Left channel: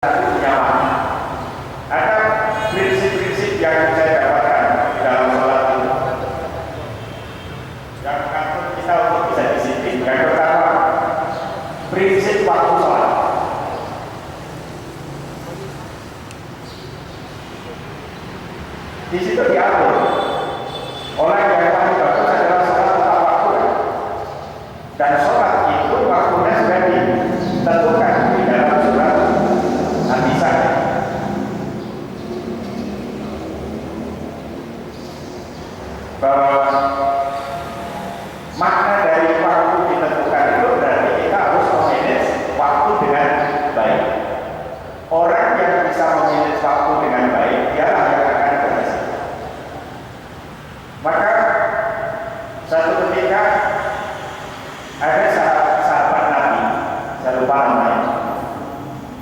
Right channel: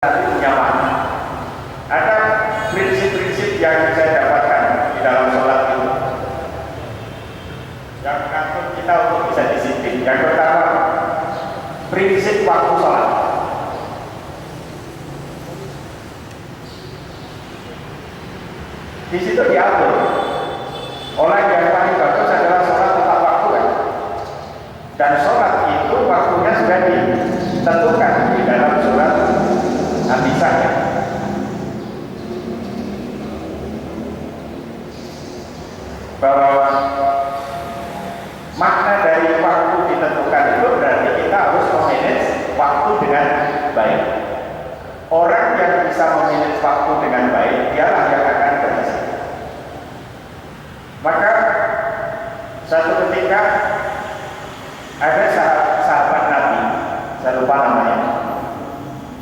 Tapi punya makna. Ada prinsip-prinsip yang saya dapatkan di dalam sholat itu yang mengatur kita untuk bisa disiplin. Yang pertama, prinsip waktu sholat. Di situ diatur orang yang paling bagus adalah sholat tepat waktu, dan sholat itu waktunya sudah ditentukan di dalam surat An-Nisa. Bahwa makna dari waktu ditentukan itu berarti kita harus memanage waktu dengan baik. Orang yang bisa memanage waktu dengan baik, dialah yang akan berhasil. Maka satu ketika ada sahabat Nabi, saya lupa namanya,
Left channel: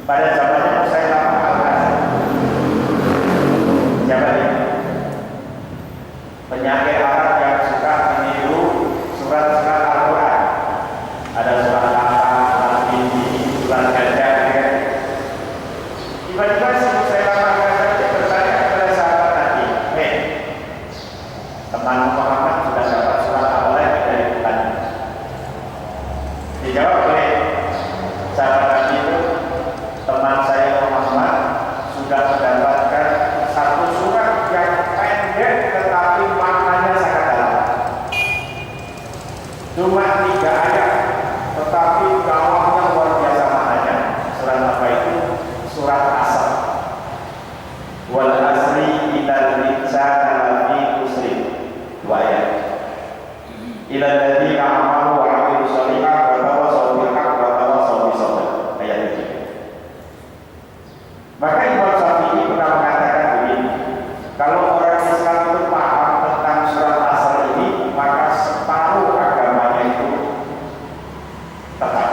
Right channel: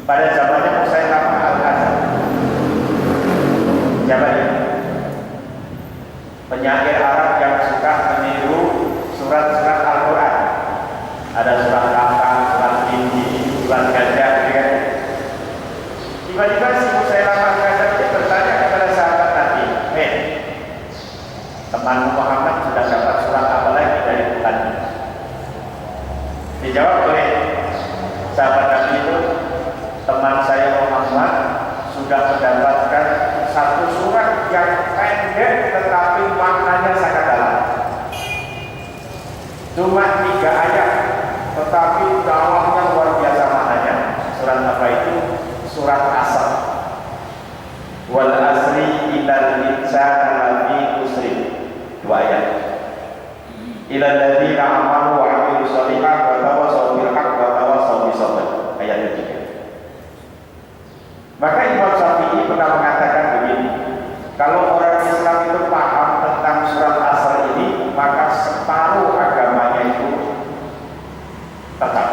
pada zamannya Musailamah Al-Kadzdzab. Siapa ini? Penyair Arab yang suka meniru surat-surat Al-Quran. Ada surat Kahf, surat Injil, surat Gajah, ya. Tiba-tiba si Musailamah Al-Kadzdzab dia bertanya kepada sahabat Nabi, teman Muhammad sudah dapat surat apa lagi dari Tuhan? Dijawab oleh sahabat Nabi itu, teman saya Muhammad sudah mendapatkan satu surat yang pendek tetapi maknanya sangat dalam. Cuma 3 ayat tetapi dalamnya luar biasa maknanya. Surat apa itu? Surat Asr. Wal asri innal insana lafi khusr. 2 ayat. Ilal ladzina amanu wa 'amilus shalihat wa tawassaw bil haqq wa tawassaw bis sabr. Ayat ketiga. Maka Imam Syafi'i pernah mengatakan begini, kalau orang Islam itu paham tentang surat Asr ini, maka separuh agamanya itu tetap.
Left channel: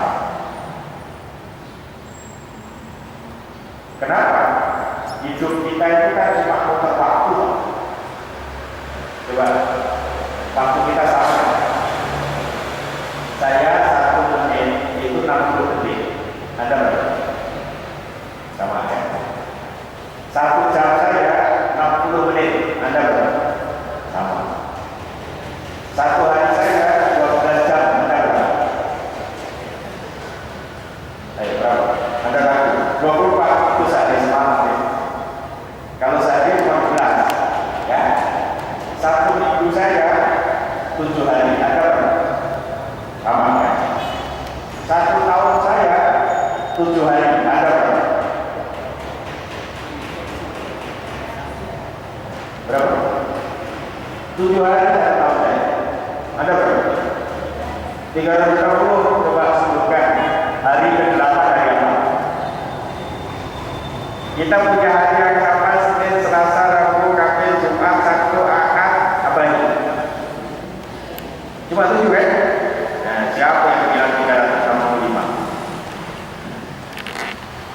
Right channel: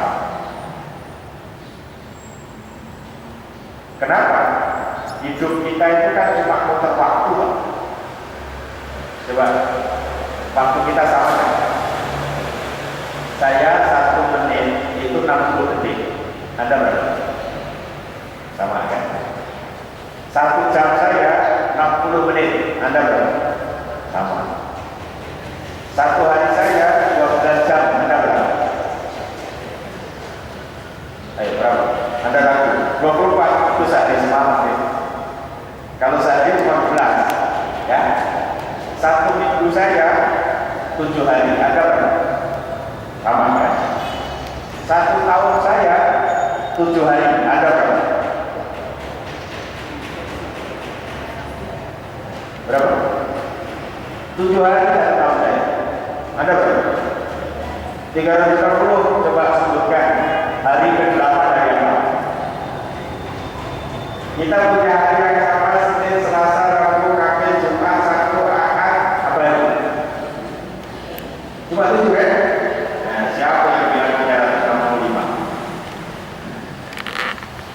Kenapa? Hidup kita itu kan cuma muter waktu. Coba, waktu kita sama kan? Saya 1 menit itu 60 detik. Anda berapa? Sama kan? 1 jam saya 60 menit. Anda berapa? Sama. 1 hari saya 12 jam. Anda berapa? Ayo berapa? Anda ragu? 24 itu sehari semalam ya. Kalau sehari 15 ya. 1 minggu saya 7 hari. Anda berapa? Sama kan? 1 tahun saya 7 hari. Anda berapa? Berapa? 7 hari 1 tahun saya. Anda berapa? 360. Coba sebutkan hari ke-8 hari apa? Kita punya hari yang sama, Senin, Selasa, Rabu, Kamis, Jumat, Sabtu, Ahad, apa itu? Cuma 7 ya? Nah, siapa yang bilang 365?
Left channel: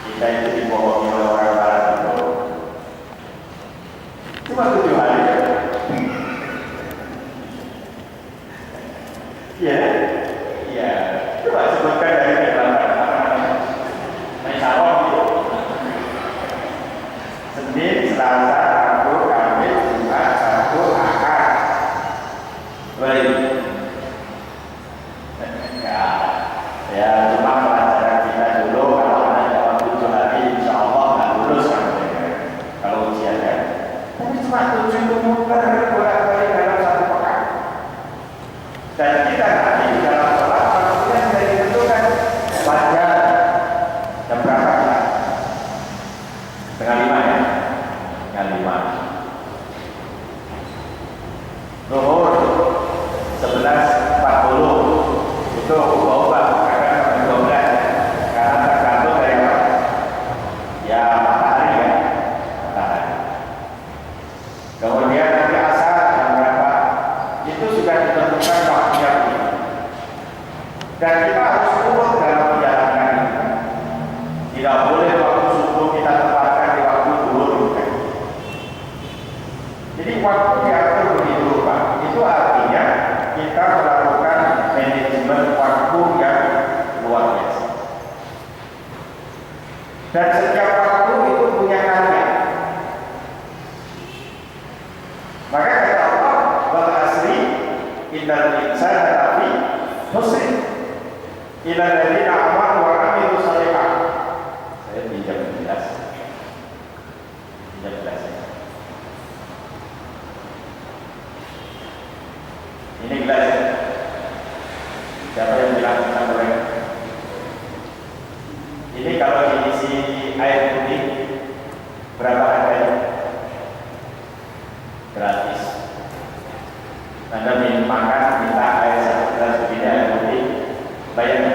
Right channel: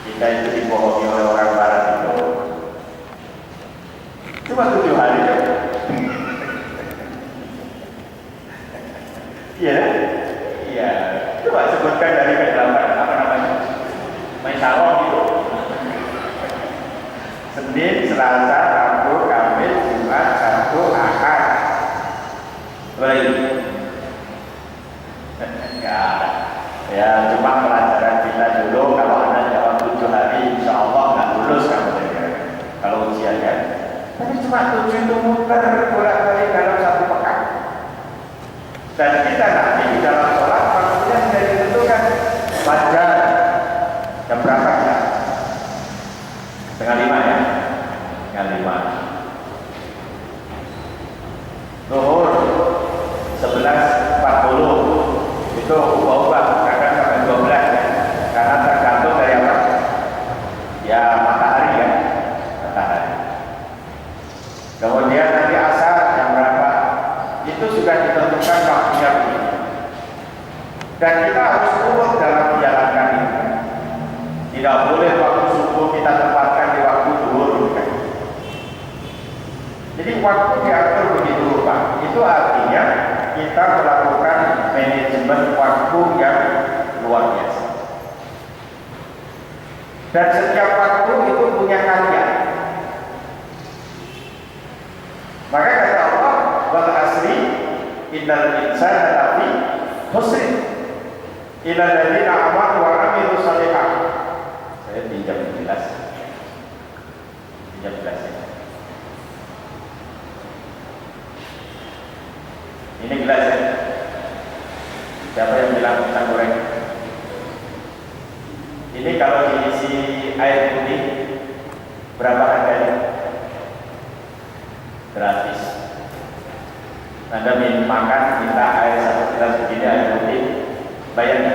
Kita itu dibohongi oleh orang barat itu. Cuma 7 hari ya? Iya? Iya. Coba sebutkan dari ke-8 apa namanya? Maisarah gitu. Senin, Selasa, Rabu, Kamis, Jumat, Sabtu, Ahad. Baik. Ya, cuma pelajaran kita dulu. Kalau Anda jawab 7 hari, insya Allah nggak lulus kamu ya. Kalau ujiannya. Tapi cuma 7 itu muter bolak-balik dalam 1 pekan. Dan kita nanti di dalam sholat waktunya sudah ditentukan. Fajar jam berapa ya? 4:30 ya? 4:30. Zuhur 11:40. Itu ubah-ubah akan sampai 12 ya. Karena tergantung dari apa? Ya matahari ya. Matahari. Kemudian nanti asar jam berapa? Itu sudah ditentukan waktunya begini. Dan kita harus urut dalam menjalankan ini. Tidak boleh waktu subuh kita tempatkan di waktu zuhur. Jadi waktu diatur begitu rupa. Itu artinya kita melakukan manajemen waktu yang luar biasa. Dan setiap waktu itu punya karya. Maka kata Allah, wal asri innal insana lafi khusr illa alladziina amanu wa 'amilus shalihat. Saya pinjam gelas. Pinjam gelas ya. Ini gelas ya. Siapa yang bilang pisang goreng? Ini kalau diisi air putih berapa harganya? Gratis. Anda makan minta air 1 gelas begini air putih, bayar.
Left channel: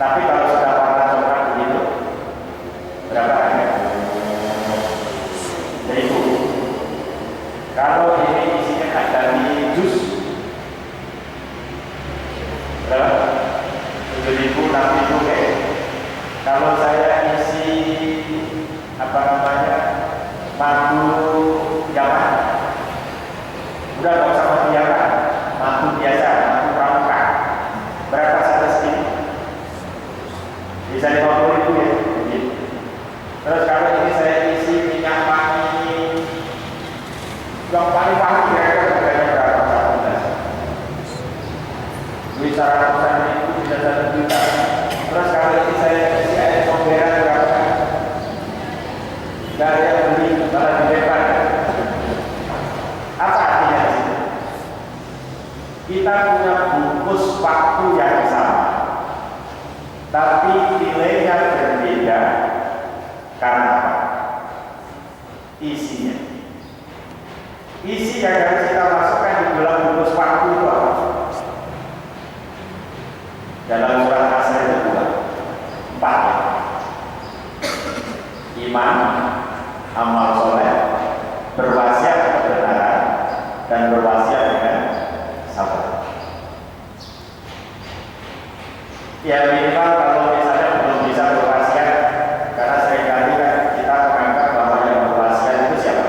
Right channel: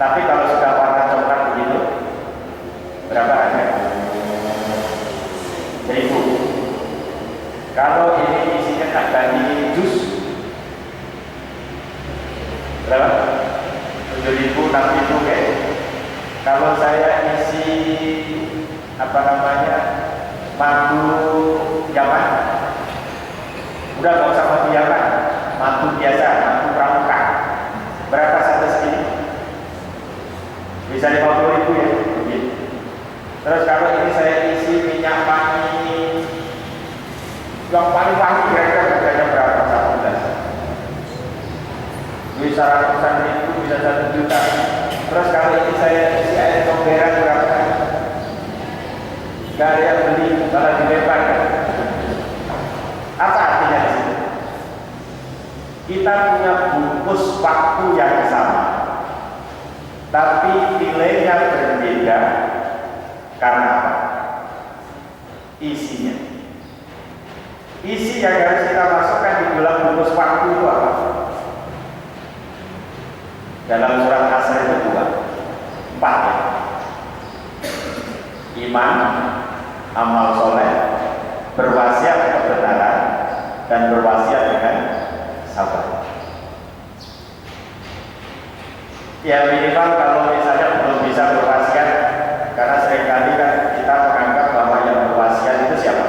Tapi kalau sudah warna coklat begitu, berapa harganya? 1.000. Kalau ini isinya dari jus, berapa? 7.000, 6.000 kayak. Kalau saya isi apa namanya madu Yaman, udah nggak usah madu Yaman, madu biasa, madu pramuka, berapa satu segini? Bisa 50.000 ya. Terus kalau ini saya isi minyak wangi yang paling wangi kira-kira harganya berapa? 1 gelas. Bisa ratusan ribu, bisa 1 juta. Terus kalau ini saya isi air komberan berapa? Gak ada yang beli, malah dilempar. Apa artinya di sini? Kita punya bungkus waktu yang sama, tapi nilainya berbeda. Karena apa? Isinya. Isi yang harus kita masukkan di dalam bungkus waktu itu apa? Dalam surat Asr itu 4 ya. Iman, amal soleh, berwasiat kebenaran, dan berwasiat dengan sabar. Ya minimal kalau misalnya belum bisa berwasiat, karena seringkali kan kita menganggap bahwa yang berwasiat itu siapa?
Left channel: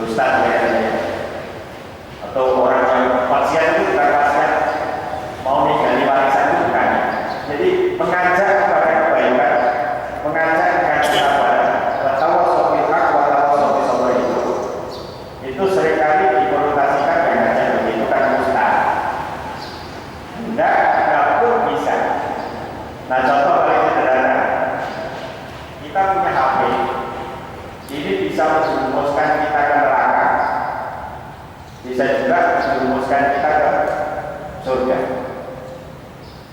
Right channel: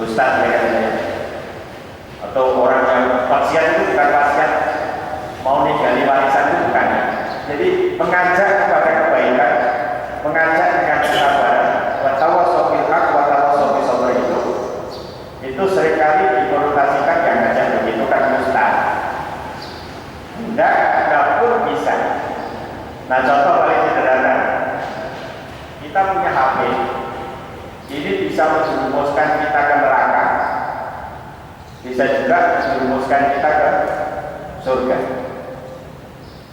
Ustaz ya, atau orang yang wasiat itu bukan wasiat mau ninggali warisan itu bukan. Jadi mengajak kepada kebaikan, mengajak dengan kesabaran, watawassaw bil haqq watawassaw bis sabr itu seringkali dikonotasikan yang ngajak begitu kan ustaz. Enggak pun bisa. Nah contoh paling sederhana, kita punya HP, ini bisa menjerumuskan kita ke neraka, bisa juga menjerumuskan kita ke surga.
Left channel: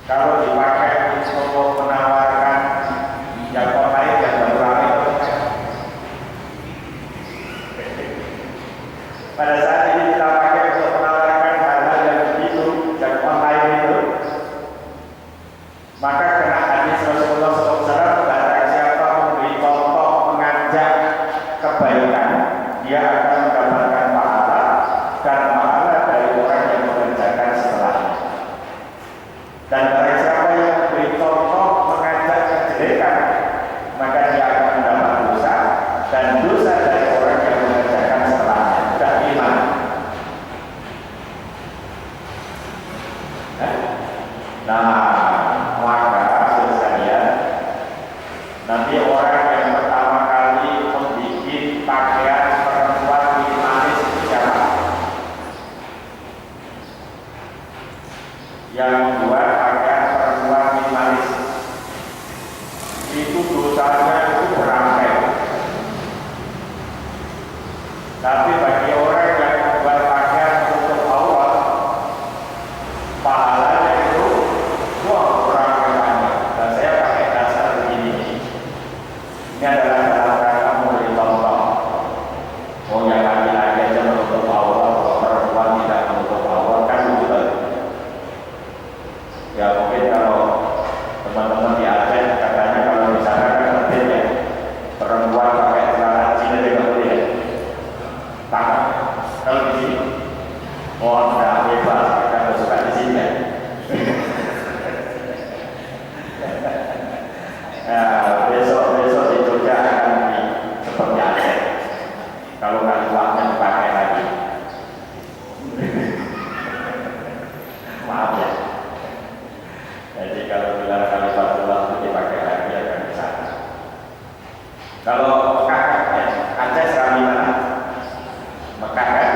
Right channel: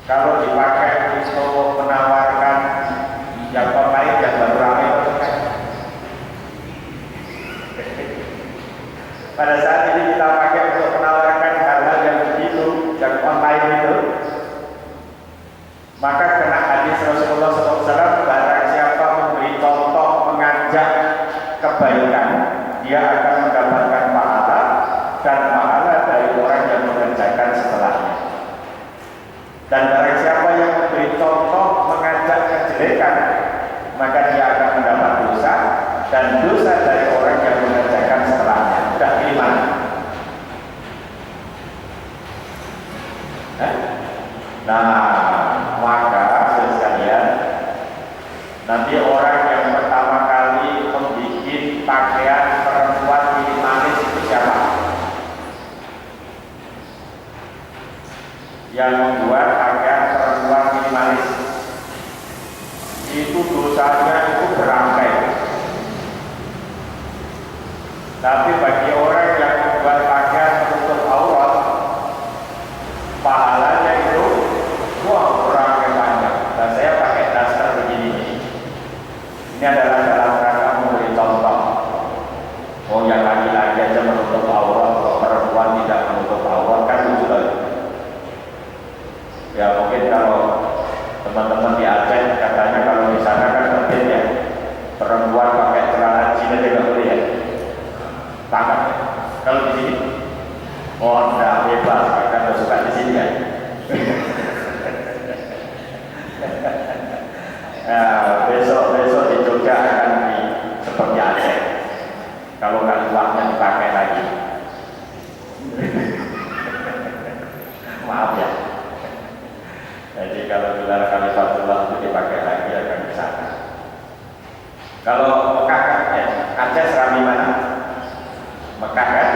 Kalau dipakai untuk menawarkan yang online yang baru ramai itu kan. Pada saat ini kita pakai untuk menawarkan hal-hal yang begitu yang online itu, maka kena hadis Rasulullah SAW, barang siapa memberi contoh mengajak kebaikan, dia akan mendapatkan pahala dan pahala dari orang yang mengerjakan setelahnya. Dan barang siapa yang memberi contoh mengajak kejelekan, maka dia akan mendapat dosa dan dosa dari orang yang mengerjakan setelahnya. Sudah iman. Nah, maka sekalian, nanti orang yang pertama kali membuat pakaian perempuan minimalis itu siapa? Yang membuat pakaian perempuan minimalis itu dosanya itu berangkai. Tapi bagi orang yang membuat pakaian menutup aurat, pahalanya itu berangkai banyak. Dan saya pakai dasar begini. Ini adalah dalam rangka memberi contoh. Oh yang laki-laki aja menutup aurat, kalau perempuan tidak menutup aurat kan lucu lagi. Ya mungkin kalau teman-teman di Aceh katanya kalau di sana kan mungkin ya perempuan pakai celana Cina juga boleh ya. Pakai. Kalau di sini, oh tidak bebas, kita suka di sini kan. Nah, besok di Jogja akan seperti Aceh. Kalau nggak uangnya dipakai lagi. Maaf ya. Jadi kalau gelar Khalifatullah itu dipakai lagi akan Kalau Mekah kan ya, Aceh Serambi mana? Mekah kan?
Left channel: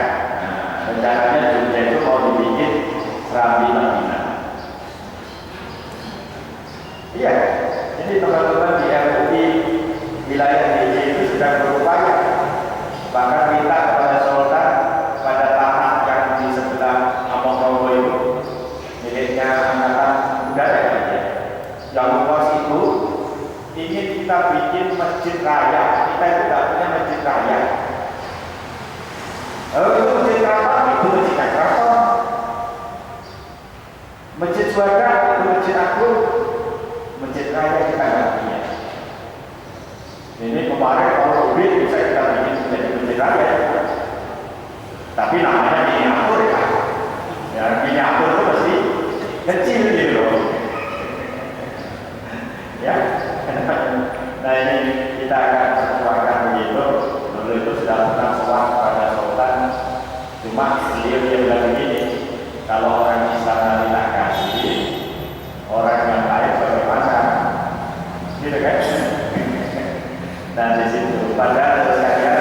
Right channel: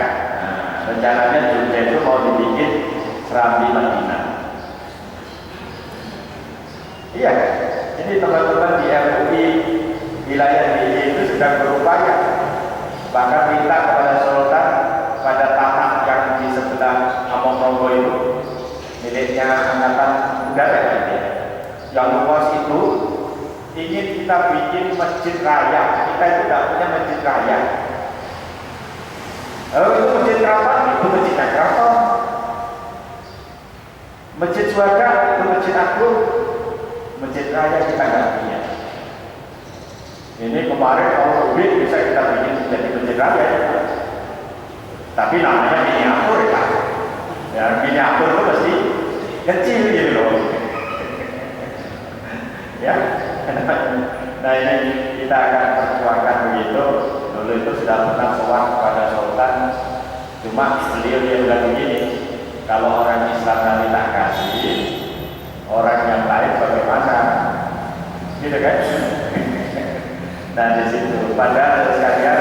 Nah, rencananya Jogja itu mau dibikin Serambi Madinah. Iya, jadi teman-teman di MUI wilayah DJ itu sedang berupaya, bahkan minta kepada Sultan pada tanah yang di sebelah Amokrogo itu miliknya Angkatan Udara ya, yang luas itu ingin kita bikin masjid raya. Kita itu tidak punya masjid raya. Itu masjid keraton, itu masjid keraton. Masjid Suada, itu masjid agung. Masjid raya kita nggak punya. Ini kemarin kalau duit bisa kita bikin menjadi masjid raya, tapi namanya miniatur ya. Ya miniatur itu pasti kecil gitu loh. Ya. Nah ini kita akan perjuangkan begitu. Dulu itu sudah pernah sowan kepada Sultan, cuma beliau dia bilang begini, kalau orang Islam nanti tak kasih, orang yang lain bagaimana? Gitu kan? Nah di situ padahal sekalian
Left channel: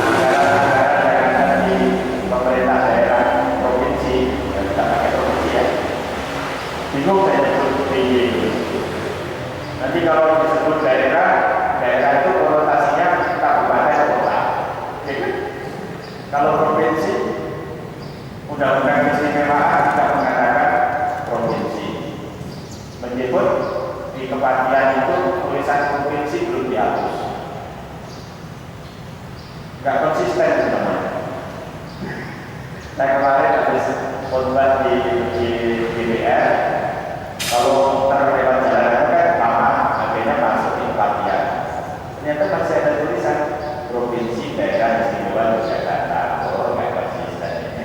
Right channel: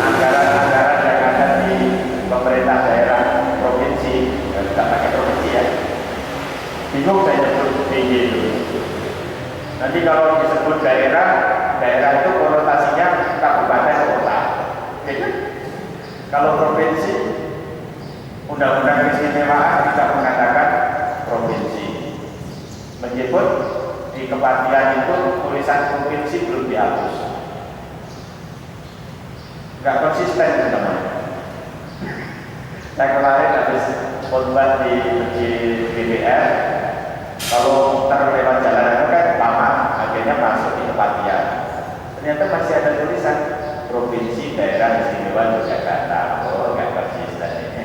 anggaran-anggaran yang ada di pemerintah daerah provinsi, kita pakai provinsi ya, bingung saya sebut begitu. Nanti kalau disebut daerah, daerah itu konotasinya kabupaten kota. Jadi kalau provinsi, undang-undang keistimewaan tidak mengatakan provinsi. Meskipun di kepatian itu tulisan provinsi belum dihapus. Enggak konsisten teman-teman. Saya kemarin habis khotbah di DPR, kalau terlewat jalan kan lama, akhirnya masuk di kepatian. Ternyata masih ada tulisan provinsi daerah istimewa Yogyakarta. Oh, nggak konsisten ini.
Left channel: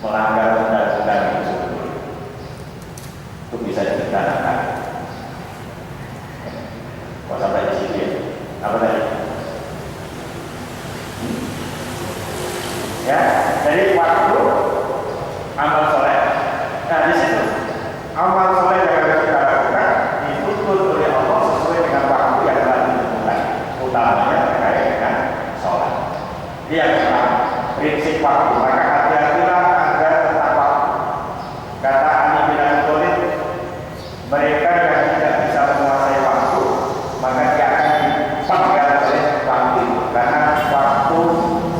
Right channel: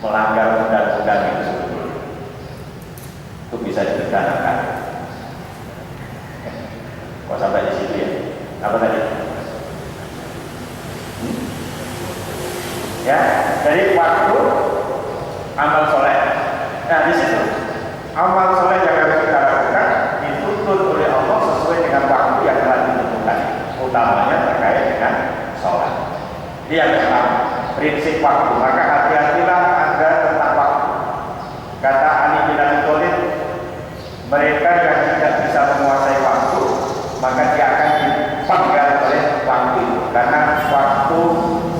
Melanggar undang-undang itu sebetulnya. Itu bisa dipidanakan. Kok sampai di situ ya? Apa tadi? Ya, jadi waktu amal soleh. Nah di situ amal soleh yang harus kita lakukan dituntut oleh Allah sesuai dengan waktu yang telah ditentukan, utamanya terkait dengan sholat. Ini yang pertama, prinsip waktu. Maka hati-hatilah Anda tentang waktu. Kata Ali bin Abi Thalib, mereka yang tidak bisa menguasai waktu, maka dia akan dipenggal oleh waktu itu, karena waktu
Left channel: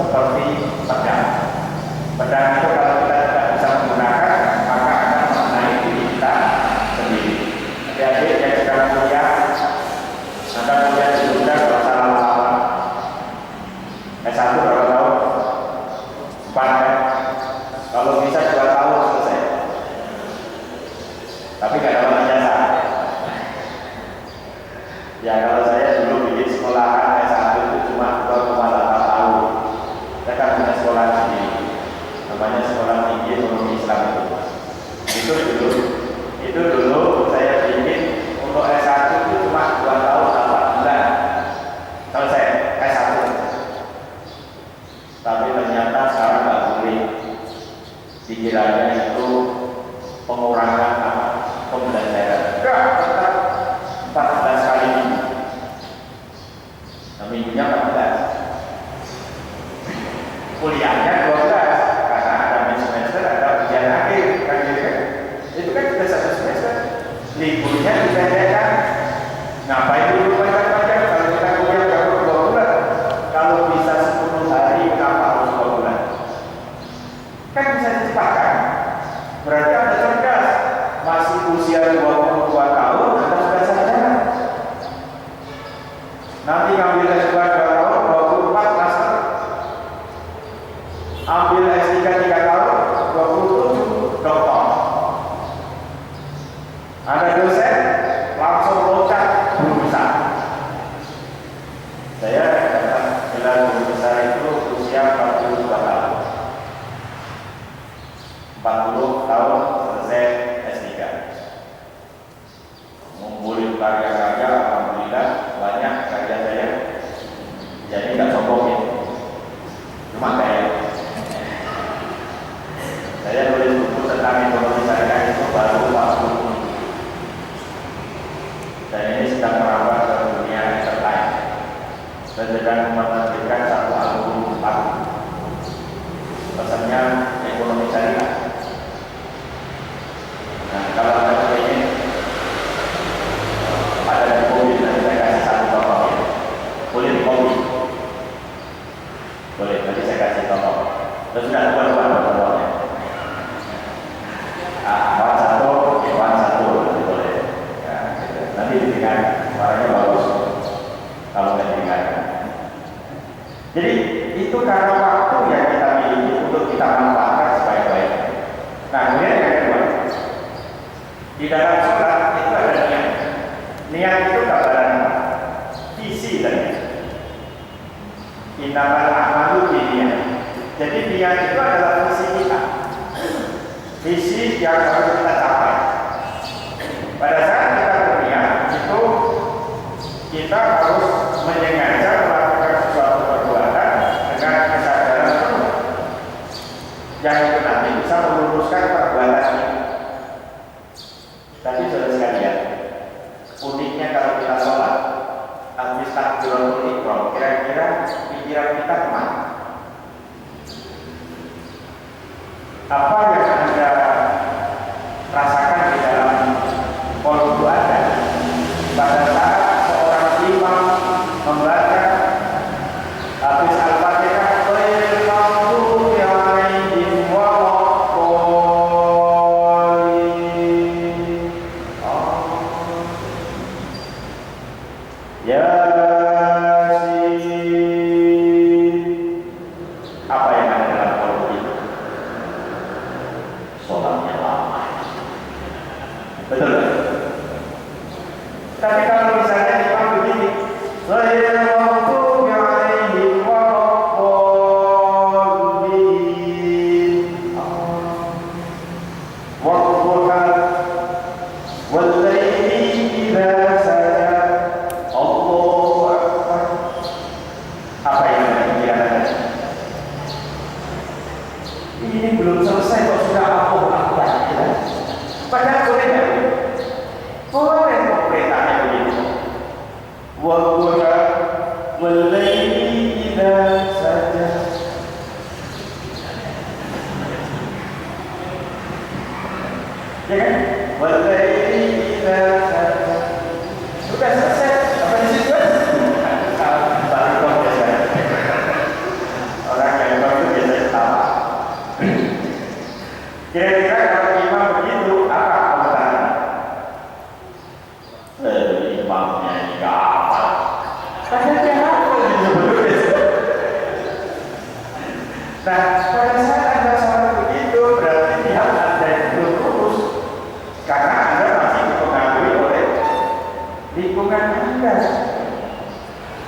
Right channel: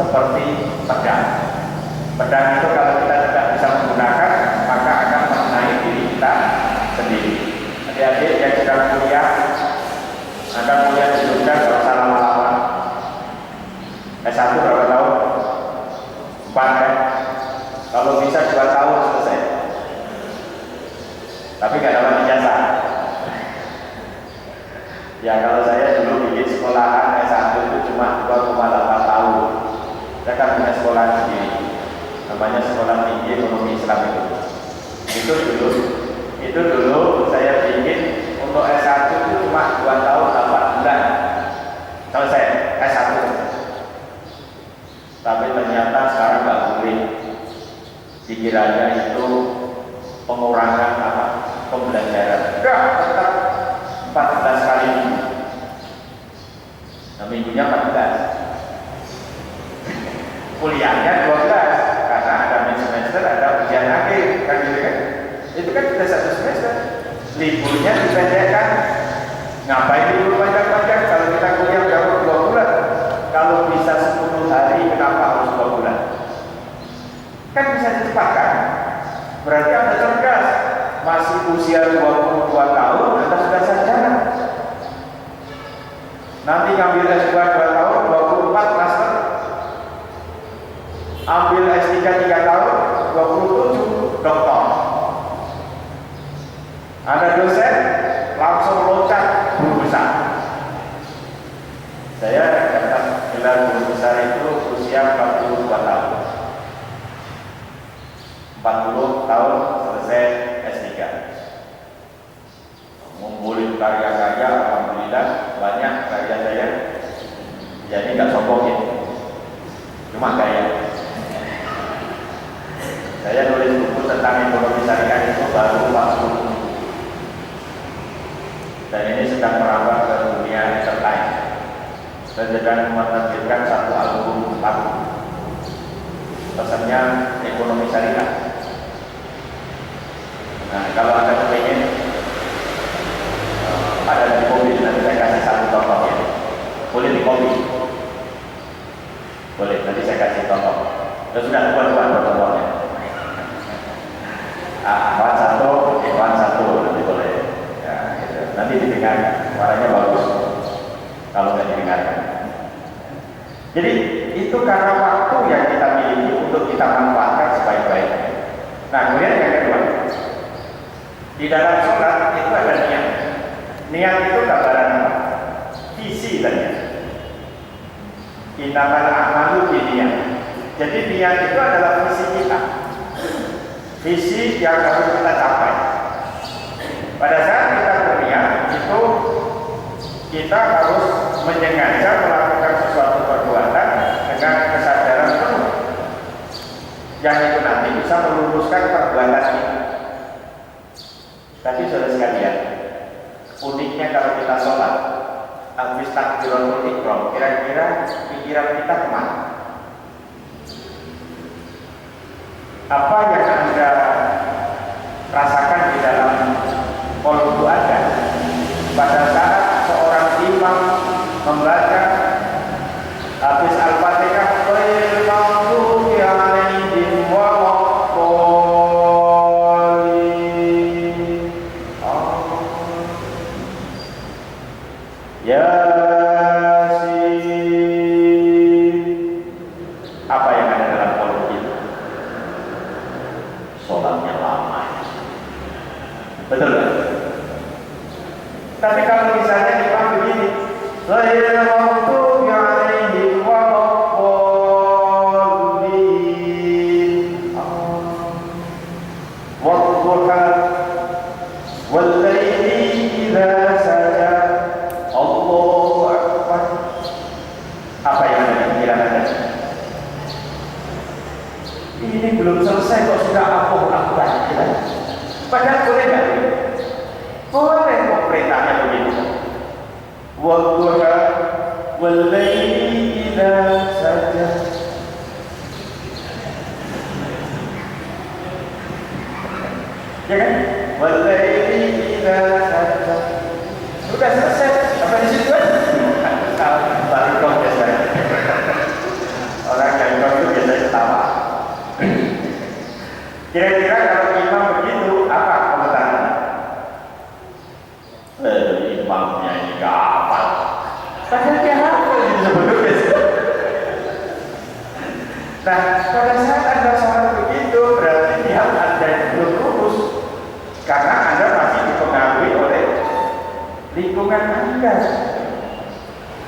seperti pedang. Pedang itu kalau kita tidak bisa menggunakan, maka akan mengenai diri kita sendiri. Adik-adik yang sedang kuliah, Anda kuliah di Jogja, kalau usah lama-lama. S1 berapa tahun? 4 kan? Kalau bisa 2 tahun selesai. Tapi nggak dapat ijazah. Ya kalau saya dulu bikin sekolahan S1 itu cuma 2,8 tahun. Saya kan punya sekolah sendiri, namanya Sekolah Tinggi Ekonomi Islam itu dulu saya bikin untuk S1 itu cuma 2 tahun 8 bulan selesai S1. Tapi ternyata sekarang nggak boleh, dikiranya itu pengurangan pembelajaran. Enggak, tetap 14 kali minggu. Nah, minggunya 14. Kuliahnya 12 karena ada semester, ada ujian akhir kan gitu kan. Itu kan sudah 1 semester. Liburnya dipendekkan. Ngapain libur panjang-panjang kalau kita kuliah baru 2 bulan? Kalau bisa 10 hari kenapa harus 2 bulan? Kan bisa dicepatkan. Berarti Anda cerdas. Masih usia 22 tahun Anda sudah sarjana. Nanti ngambil S2 2 tahun, 24 master. Ambil S3 3 tahun, 27 doktor. Anda dosen, langsung loncat guru besar. Saya dapat gelar guru besar itu usia 42 tahun. 40 tahun selesai S3. Ngumpulin karya-karya, alhamdulillah banyak karya saya. Jadi nggak sombongin, cuma gaya. Saya nulis buku tentang ekonomi syariah itu baru 40. Dan ini sedang merambat ke dunia entertainment. dan dengan menerbitkan satu album lagu. Pesannya ekonomi syariah. Nah, kalau Anda ingin ada di kopi, nanti saya kasih satu contoh ya. Boleh di kopi, boleh. Nanti saya kasih contoh. Dan sudah dua contohnya. Wan satu, nanti boleh. Ya, gitu. Nanti didengar, suaranya bagus. Kalau nggak didengarkan. Jadi itu karena waktu yang kita miliki untuk kita manfaatkan sebaik-baiknya. Nah, kemudian yang kedua, di dalam sholat itu ada niat. Niat itu gambaran apa? Visi dan niat. Innamal a'malu binniyat. Jadi niat itu adalah visi kita. Visi yang harus kita capai. Pada saat kita berniat itu kita harus menyengaja melakukan sesuatu perbuatan dengan kesadaran penuh yang itu nanti bisa meluruskan perbuatan ini. Tapi saudara sekalian, uniknya kalau kita sholat habis takbiratul ihram, kira-kira pikiran kita kemana? Apa yang Anda rasakan di dalam kolbu Anda pada saat seorang imam membaca habis Al-Fatihah, ghairil maghdubi 'alaihim waladdallin. Yasin. Apa yang ada dalam kolbu itu? Sholatnya lama. Betul kan? Tapi kalau misalnya imam begini, ghairil maghdubi 'alaihim waladdallin. Wadduha wallaili idza saja. Allahu akbar. Apa yang ada pikiran Anda? Ini belum selesai kok sudah Allahu akbar. Padahal boleh nggak? Boleh kok perintahnya begitu. Wadduha wallaili idza saja. Ya kan? Wallaili idza saja. Sudah selesai. Sampai di situ kan? Baru protes kan? Orang yang baru biasanya ketawa. Kira-kira kalau imam begitu, apa komentarnya? Imamnya ini gak apa. Padahal dia apa gitu sebelumnya. Nah, pada saat Anda sholat begitu, berarti niat Anda belum lurus. Karena Anda masih dipengaruhi oleh lingkungan Anda.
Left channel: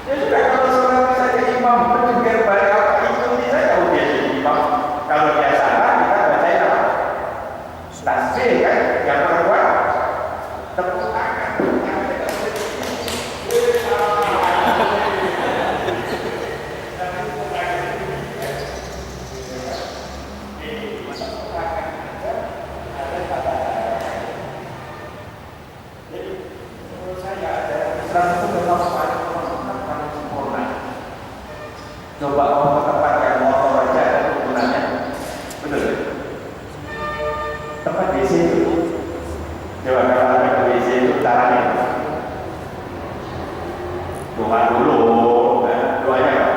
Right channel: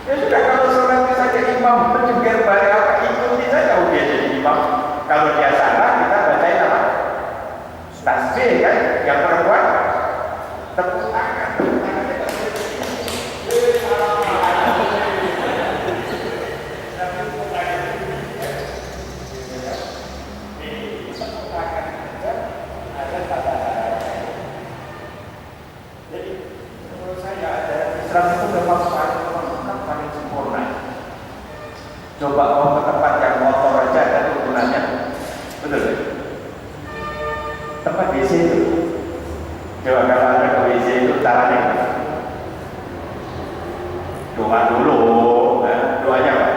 Ya sudah, kalau sholat saja imam menjengkel balik apa, ikuti saja dia jadi imam. Kalau dia salah, kita bacain apa? Tasbih kan, yang perempuan tepuk tangan. Jadi menurut saya ada Islam itu memang paling sempurna. Coba mau ke tempat yang motor aja ada turunannya, betul? Tempat WC itu, coba kalau ada ke WC itu caranya doa dulu, doanya apa?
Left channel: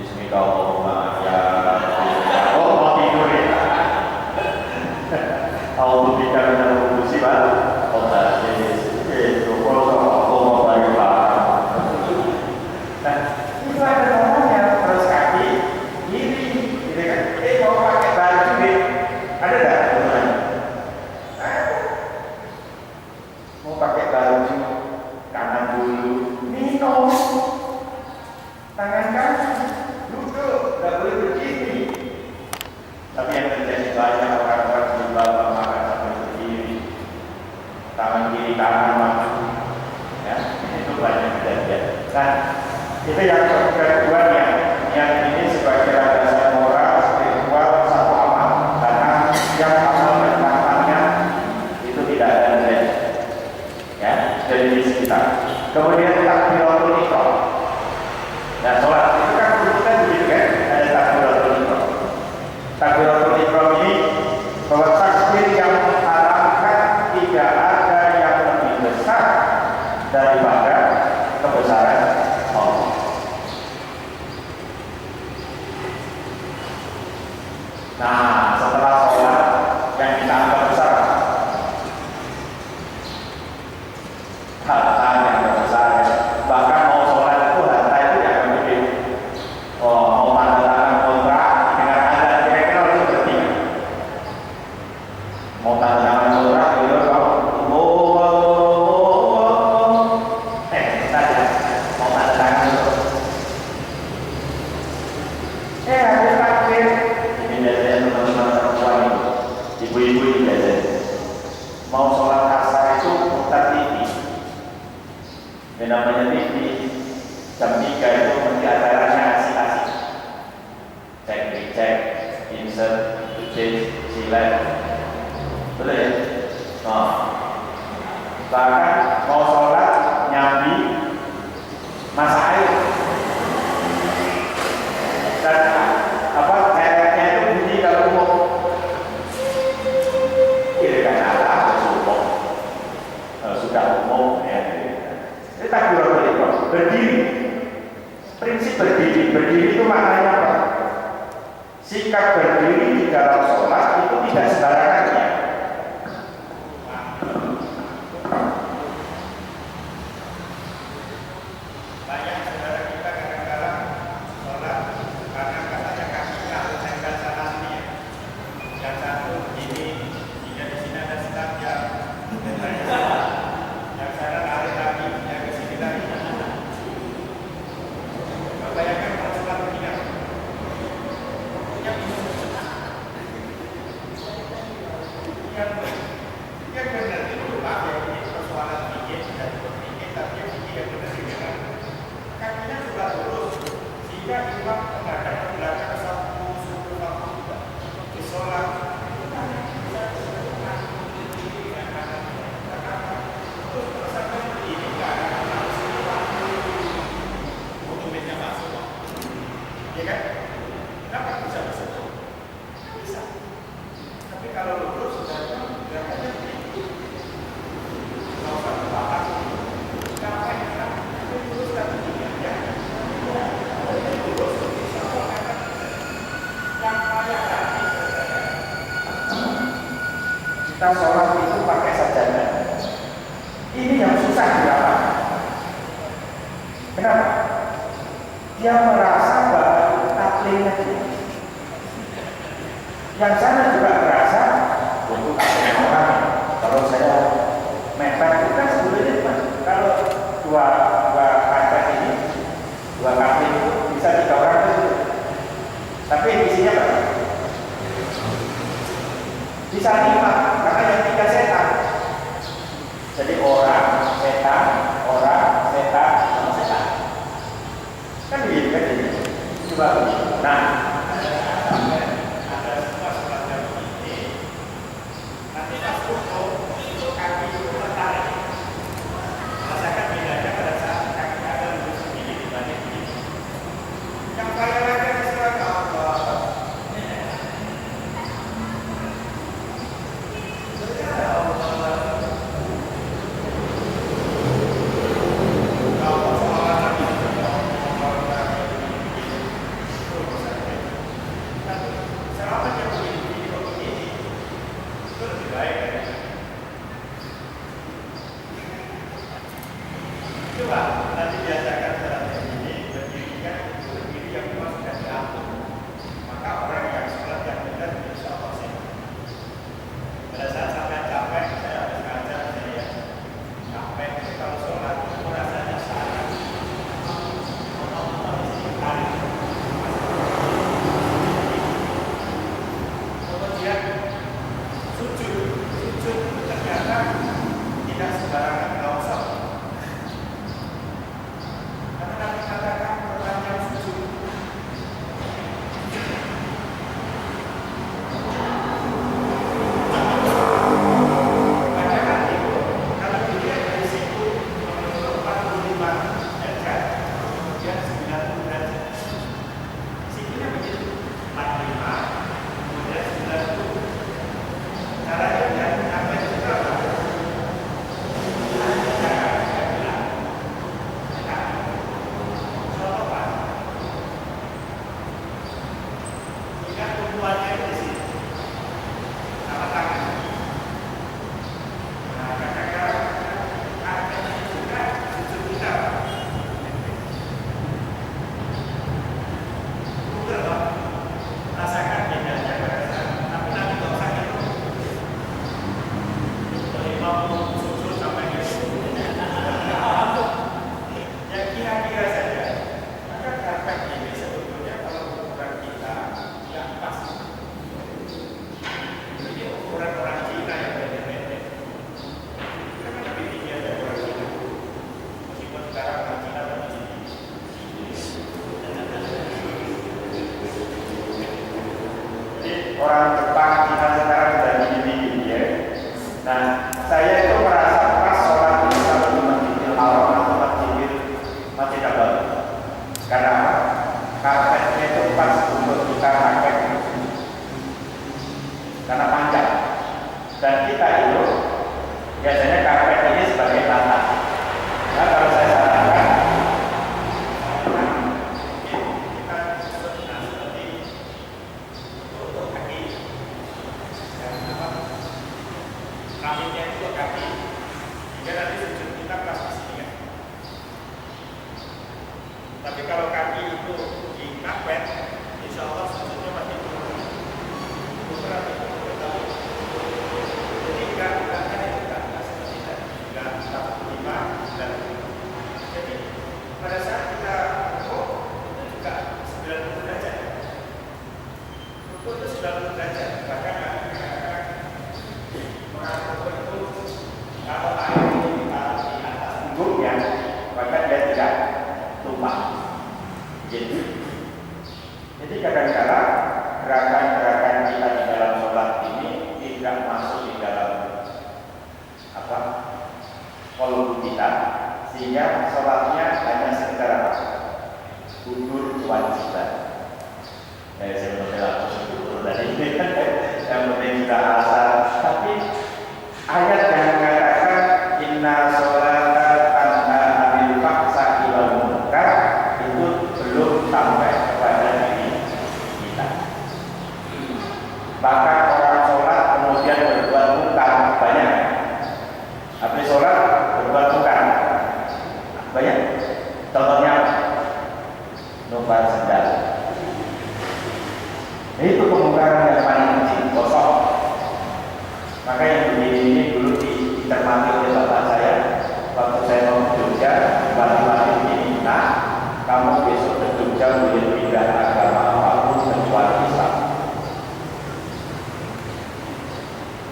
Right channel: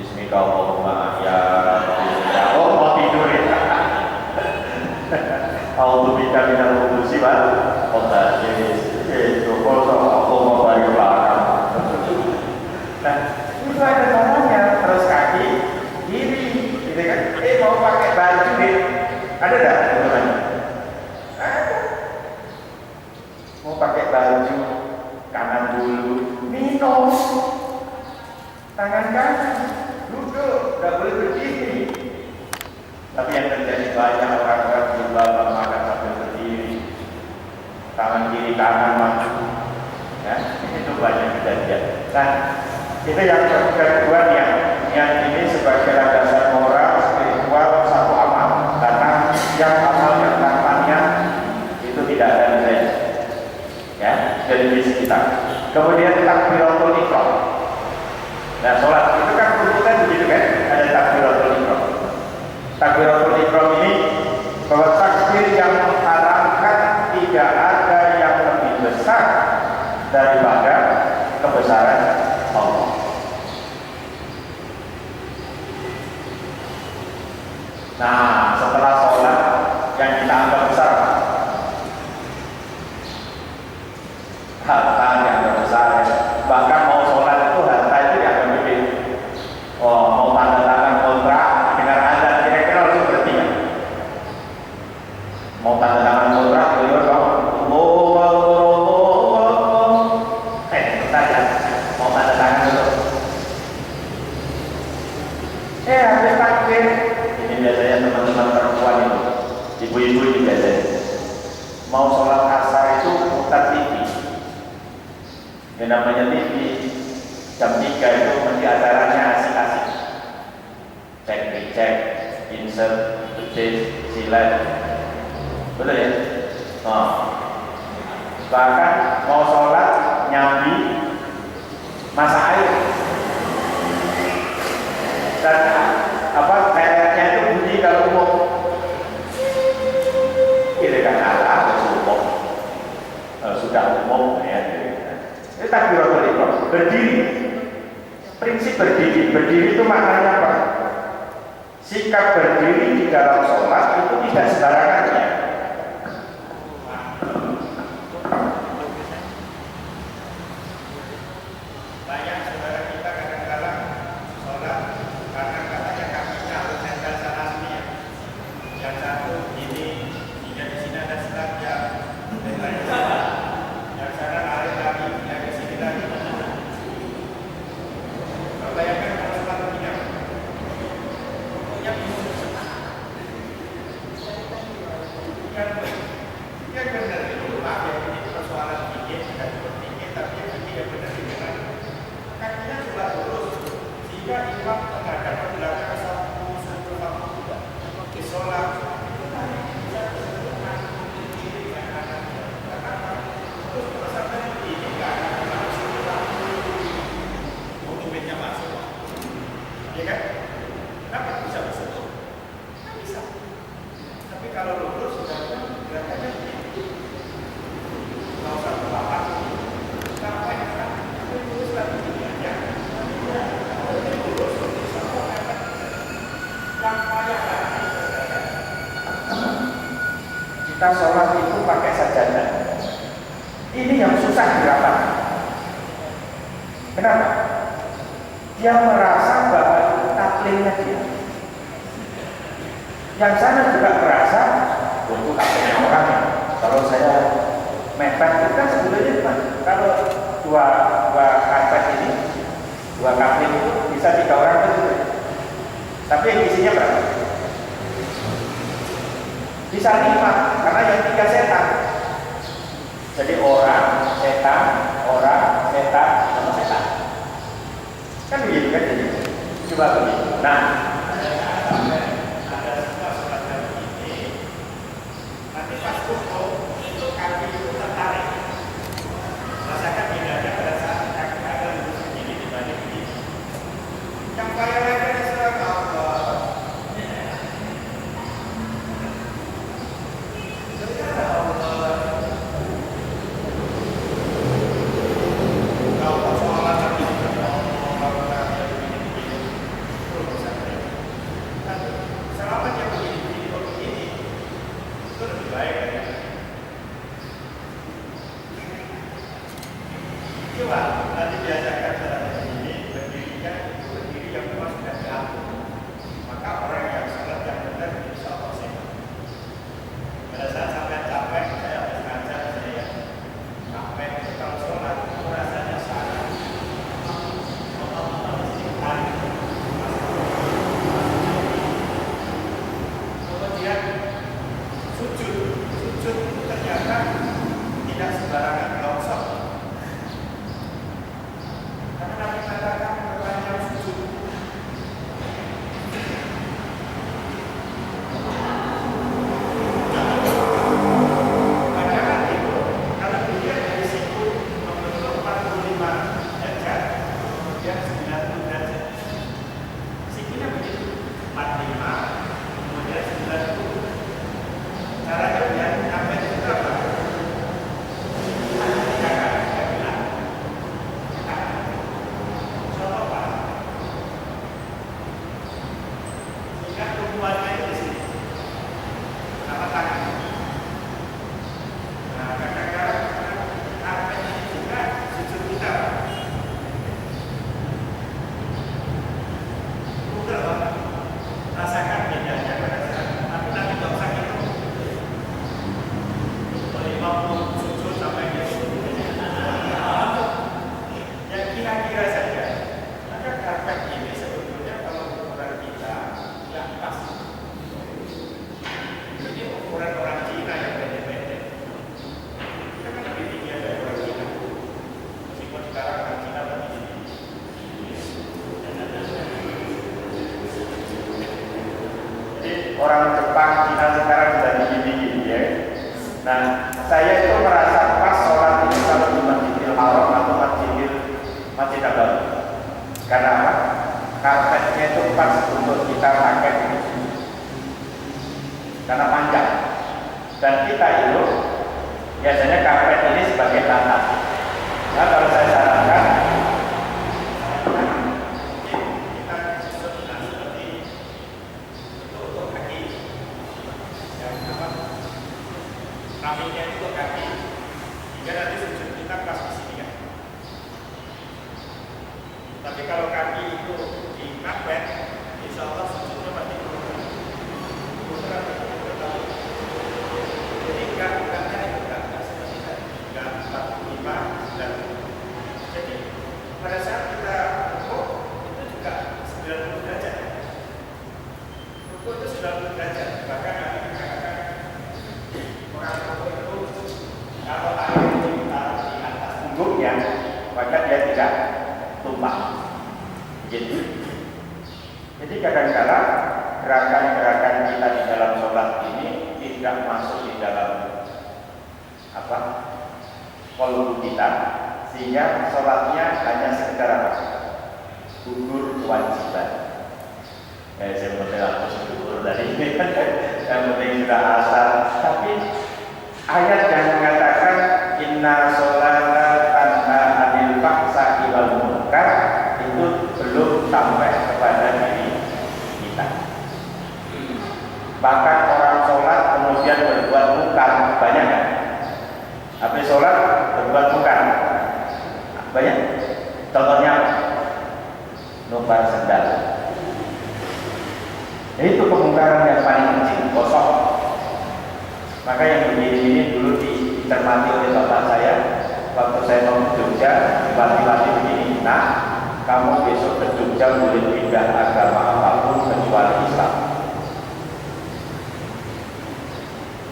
Bismillahirrahmanirrahim. Oh, mau tidur ya? A'udzubika minal khubuthi wal khaba'ith. Itu kalau mau balik belakang. Nah, itu ada namanya, terus kaki kiri, gitu kan? Mau pakai baju deh, ada nggak namanya? Ada. Mau pakai baju kanan dulu, minum, tangan kanan, duduk, nggak boleh berdiri. Tapi yang terjadi banyak orang-orang di bawah makan sambil berdiri, tangan kiri kanan makan, ya itu banyak kejadian. Nah, itu yang kedua yang ini sebagai landasan moral spiritual satu amal, karena yang amal dan tangannya itu tidak ada nilai, ya. jenis kita. Kemudian takbiratul ihram. Nah, sholat itu kan urutan begitu kan? Ada takbiratul ihram. Takbiratul ihram ini bahwa takbir yang mengharapkan tidak ada yang lebih besar daripada kebesaran Allah. Nah, setelah sholat yang kita anggap besar, harta yang besar, bahkan mau sholat itu harta itu yang lebih, mau tanda tangan kontrak dengan anda kira-kira harus berarti mau tanda tangan kontrak itu saja mau tanda tangan itu ada takbir. Ini biasanya teman-teman perempuan itu, ibu-ibu ini biasanya mau sholat asar itu putar TV. Yang namanya TV jam 3 itu mesti acaranya asik-asik, cek, insert, tulis, silet, betul ya? Bahkan mau sholat nyambi masak air dan kayaknya itu bunyi kalau mau kiri kan ada sudah umum ya. Itu takbiratul ihram. Berdiri, prinsip berdiri itu maknanya apa? Sikap berdiri di dalam sholat itu tidak sembarangan ya. Banyak saudara kita kadang-kadang sholat karena katanya kakinya harus nempel sana sini ya. Yang satu ini, jika di sini ada selatnya, yang sana lari lagi, yang ke sini lagi. Bayangkan kalau sholat begini, yang bingung. Yang benar itu Pak, ya ini persoalan pikir, bukan berpikir, tapi yang pikir yang benar ini kan kakinya juga lurus, sehingga imam menghadap ke belakang satu juga di sholat. Ya kan? Kenapa bisa bersatu? Bisa. Tapi kalau lurus sudah gerakannya begini. Kalau satu papat, kenapa kita lurus tapi begini aja? Lurus bisa mengatakan yang payah tadi. Kita sholat itu pakai sajadah. Ini yang susah dirapat. Kenapa? Dia merasa bahwa itu taklingnya dia. Yang sana juga merasa untuk taklingnya orang. Kalau saya mepet itu kan sebetulnya kalau dua karpet ini, dua kapling itu bisa 3 orang itu. Tapi isinya berapa? Bisa 5 karena yang 3 setan. Jadi orang, setan, sama setan. Kan begitu kan ini. Coba begitu. Nah, ada semua sholat yang begini. Nanti pas kumpul itu kaki itu tertarik. Rasakan bedanya pada saat kaki ada lurus begini dibanding begini. Yang payah lagi ada sholat Allah. Tapi kalau kaki itu dingapet, insya Allah sujudnya masih berat. Jadi enggak seperti tadi, enggak 45 dan jadi pada saat kita rukuk itu juga 90 derajat. Rukuk itu 90 derajat. Bahkan Nabi mengatakan orang rukuk itu kalau air itu ditaruh di atas punggungnya, maka dia tidak tumpah. Jadi kadang-kadang gerakan-gerakan kita di dalam sholat ini tidak masuk di dalam kolbu kita, sehingga sholatnya hanya sekedar gugur kewajiban. Saya menurut aku gugur tadi, yang penting sudah asal. Tapi ayat yang mengatakan inna sholata tanha anil fahsya'i wal munkar itu belum sampai kepada diri kita. Bahkan orang sholat kemudian berbuat munkar banyak. Habis sholat berbuat munkar banyak. Contohnya numpang sendal. Itu kemungkaran yang paling kecil, kosong. Maka yang begini ini dulu dicermati oleh bapak saya waktu saya mau ke Jogja, bupati begini. Nah, kamu besok ke Jogja boleh pindah agama apapun kecuali Islam.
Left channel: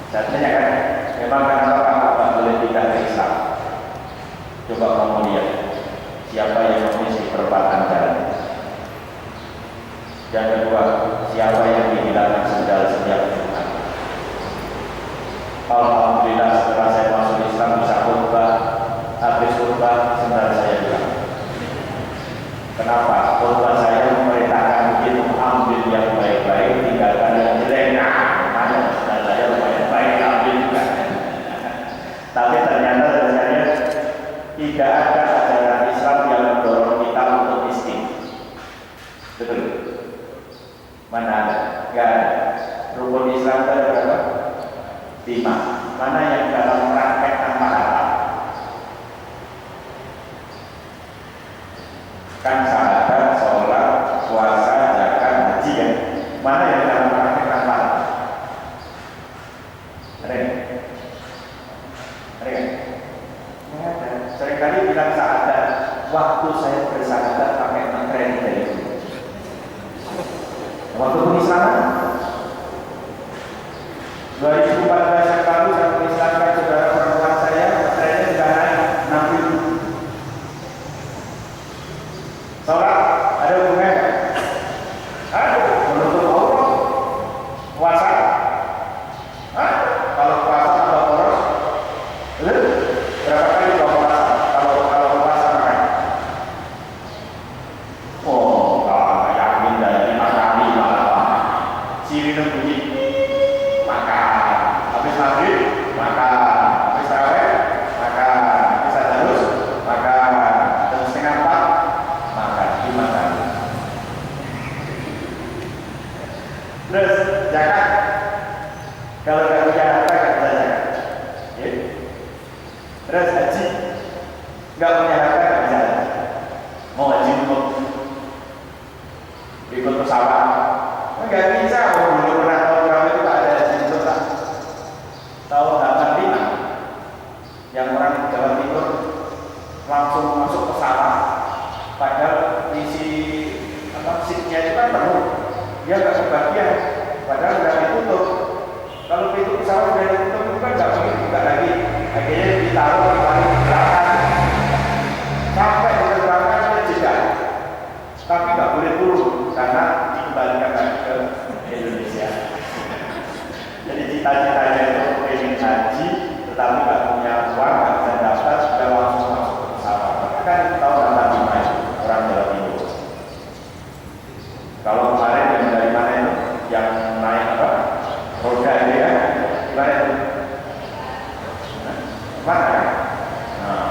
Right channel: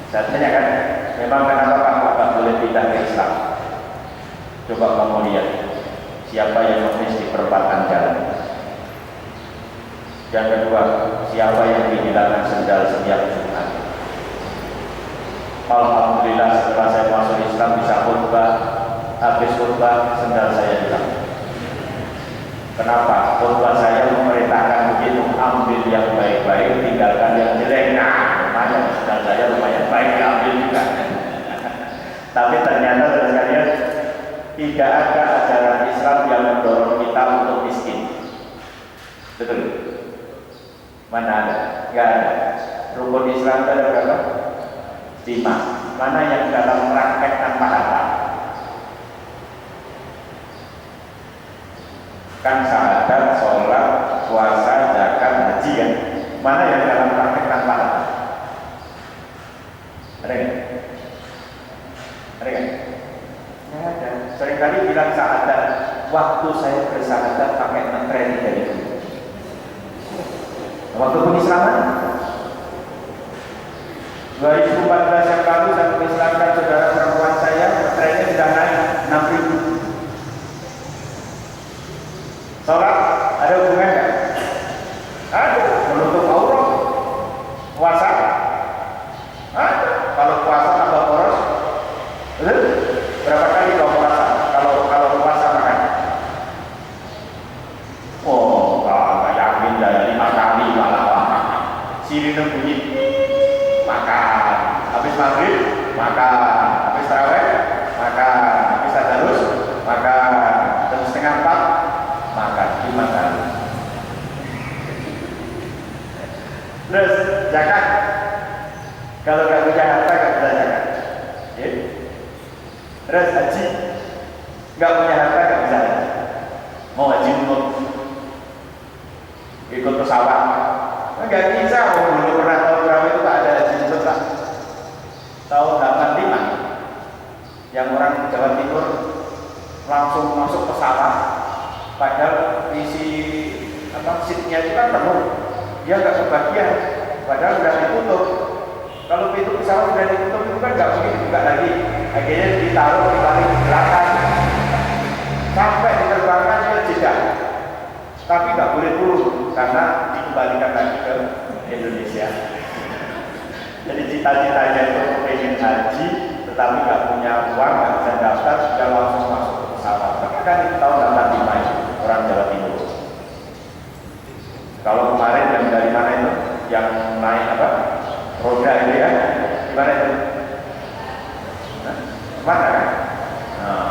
Saya tanya kan, memang kenapa kamu boleh pindah ke Islam? Coba kamu lihat siapa yang mengisi perempatan jalan. Yang kedua, siapa yang dihilangkan sendal setiap Jumat? Alhamdulillah setelah saya masuk Islam bisa khutbah, habis khutbah sendal saya hilang. Kenapa? Khutbah saya memerintahkan begitu, ambil yang baik-baik, tinggalkan yang jelek. Nah, lumayan sendal saya lumayan baik, ambil juga. Tapi ternyata tidak ada ajaran Islam yang mendorong kita untuk miskin. Betul? Mana ada? Enggak ada. Rukun Islam itu ada berapa? 5. Mana yang dalam praktek tanpa harta? Kan syahadat, sholat, puasa, zakat, haji kan? Mana yang dalam praktek tanpa harta? Ada kan? Ada kan? Nggak ada. Seringkali bilang syahadat, waktu saya bersyahadat pakai ngetren dari itu. Waktu pengislaman 2014 yang lalu saya mengislamkan saudara perempuan saya, trennya sudah naik 6.000. Sholat ada hubungan nggak? Ada. Menutup aurat, puasa ada. Kalau puasa tambah poros, berapa kali kalau puasa? Kalau puasa makan? Oh, nggak yakin dari 5 kali malah. Sirine bunyi makan, habis maghrib makan, habis tarawih makan, habis tadarus makan, terus setengah 4 makan, 5 kali. Terus zakat, kalau nggak punya harta nggak bisa zakat. Terus haji, nggak punya harta nggak bisa haji. Mau haji untuk ikut pesawat, nggak bisa. Dulu pernah tahu berapa itu tak ada haji untuk tak. Tahun 85 yang orang Jawa Timur langsung masuk pesawat, padahal isi seatnya itu kan penuh, dia nggak kebagian, padahal sudah ditutup. Kalau pintu pesawat sudah ditutup itu kan nggak mungkin dibuka lagi, akhirnya ditaruh di paling belakang sampai diterbangkan ke Jeddah, tapi nggak boleh turun karena dikembalikan lagi ke Indonesia. Jadi cita-citanya itu pengen haji, tetapi nggak punya uang, nggak bisa daftar, sudah langsung masuk ke pesawat. Maka kan itu tahun 85 itu orang Jawa Timur. Kalau kemarin yang dari mana itu, yang naik apa? Roda ini ya, gimana itu? Mana? Nah,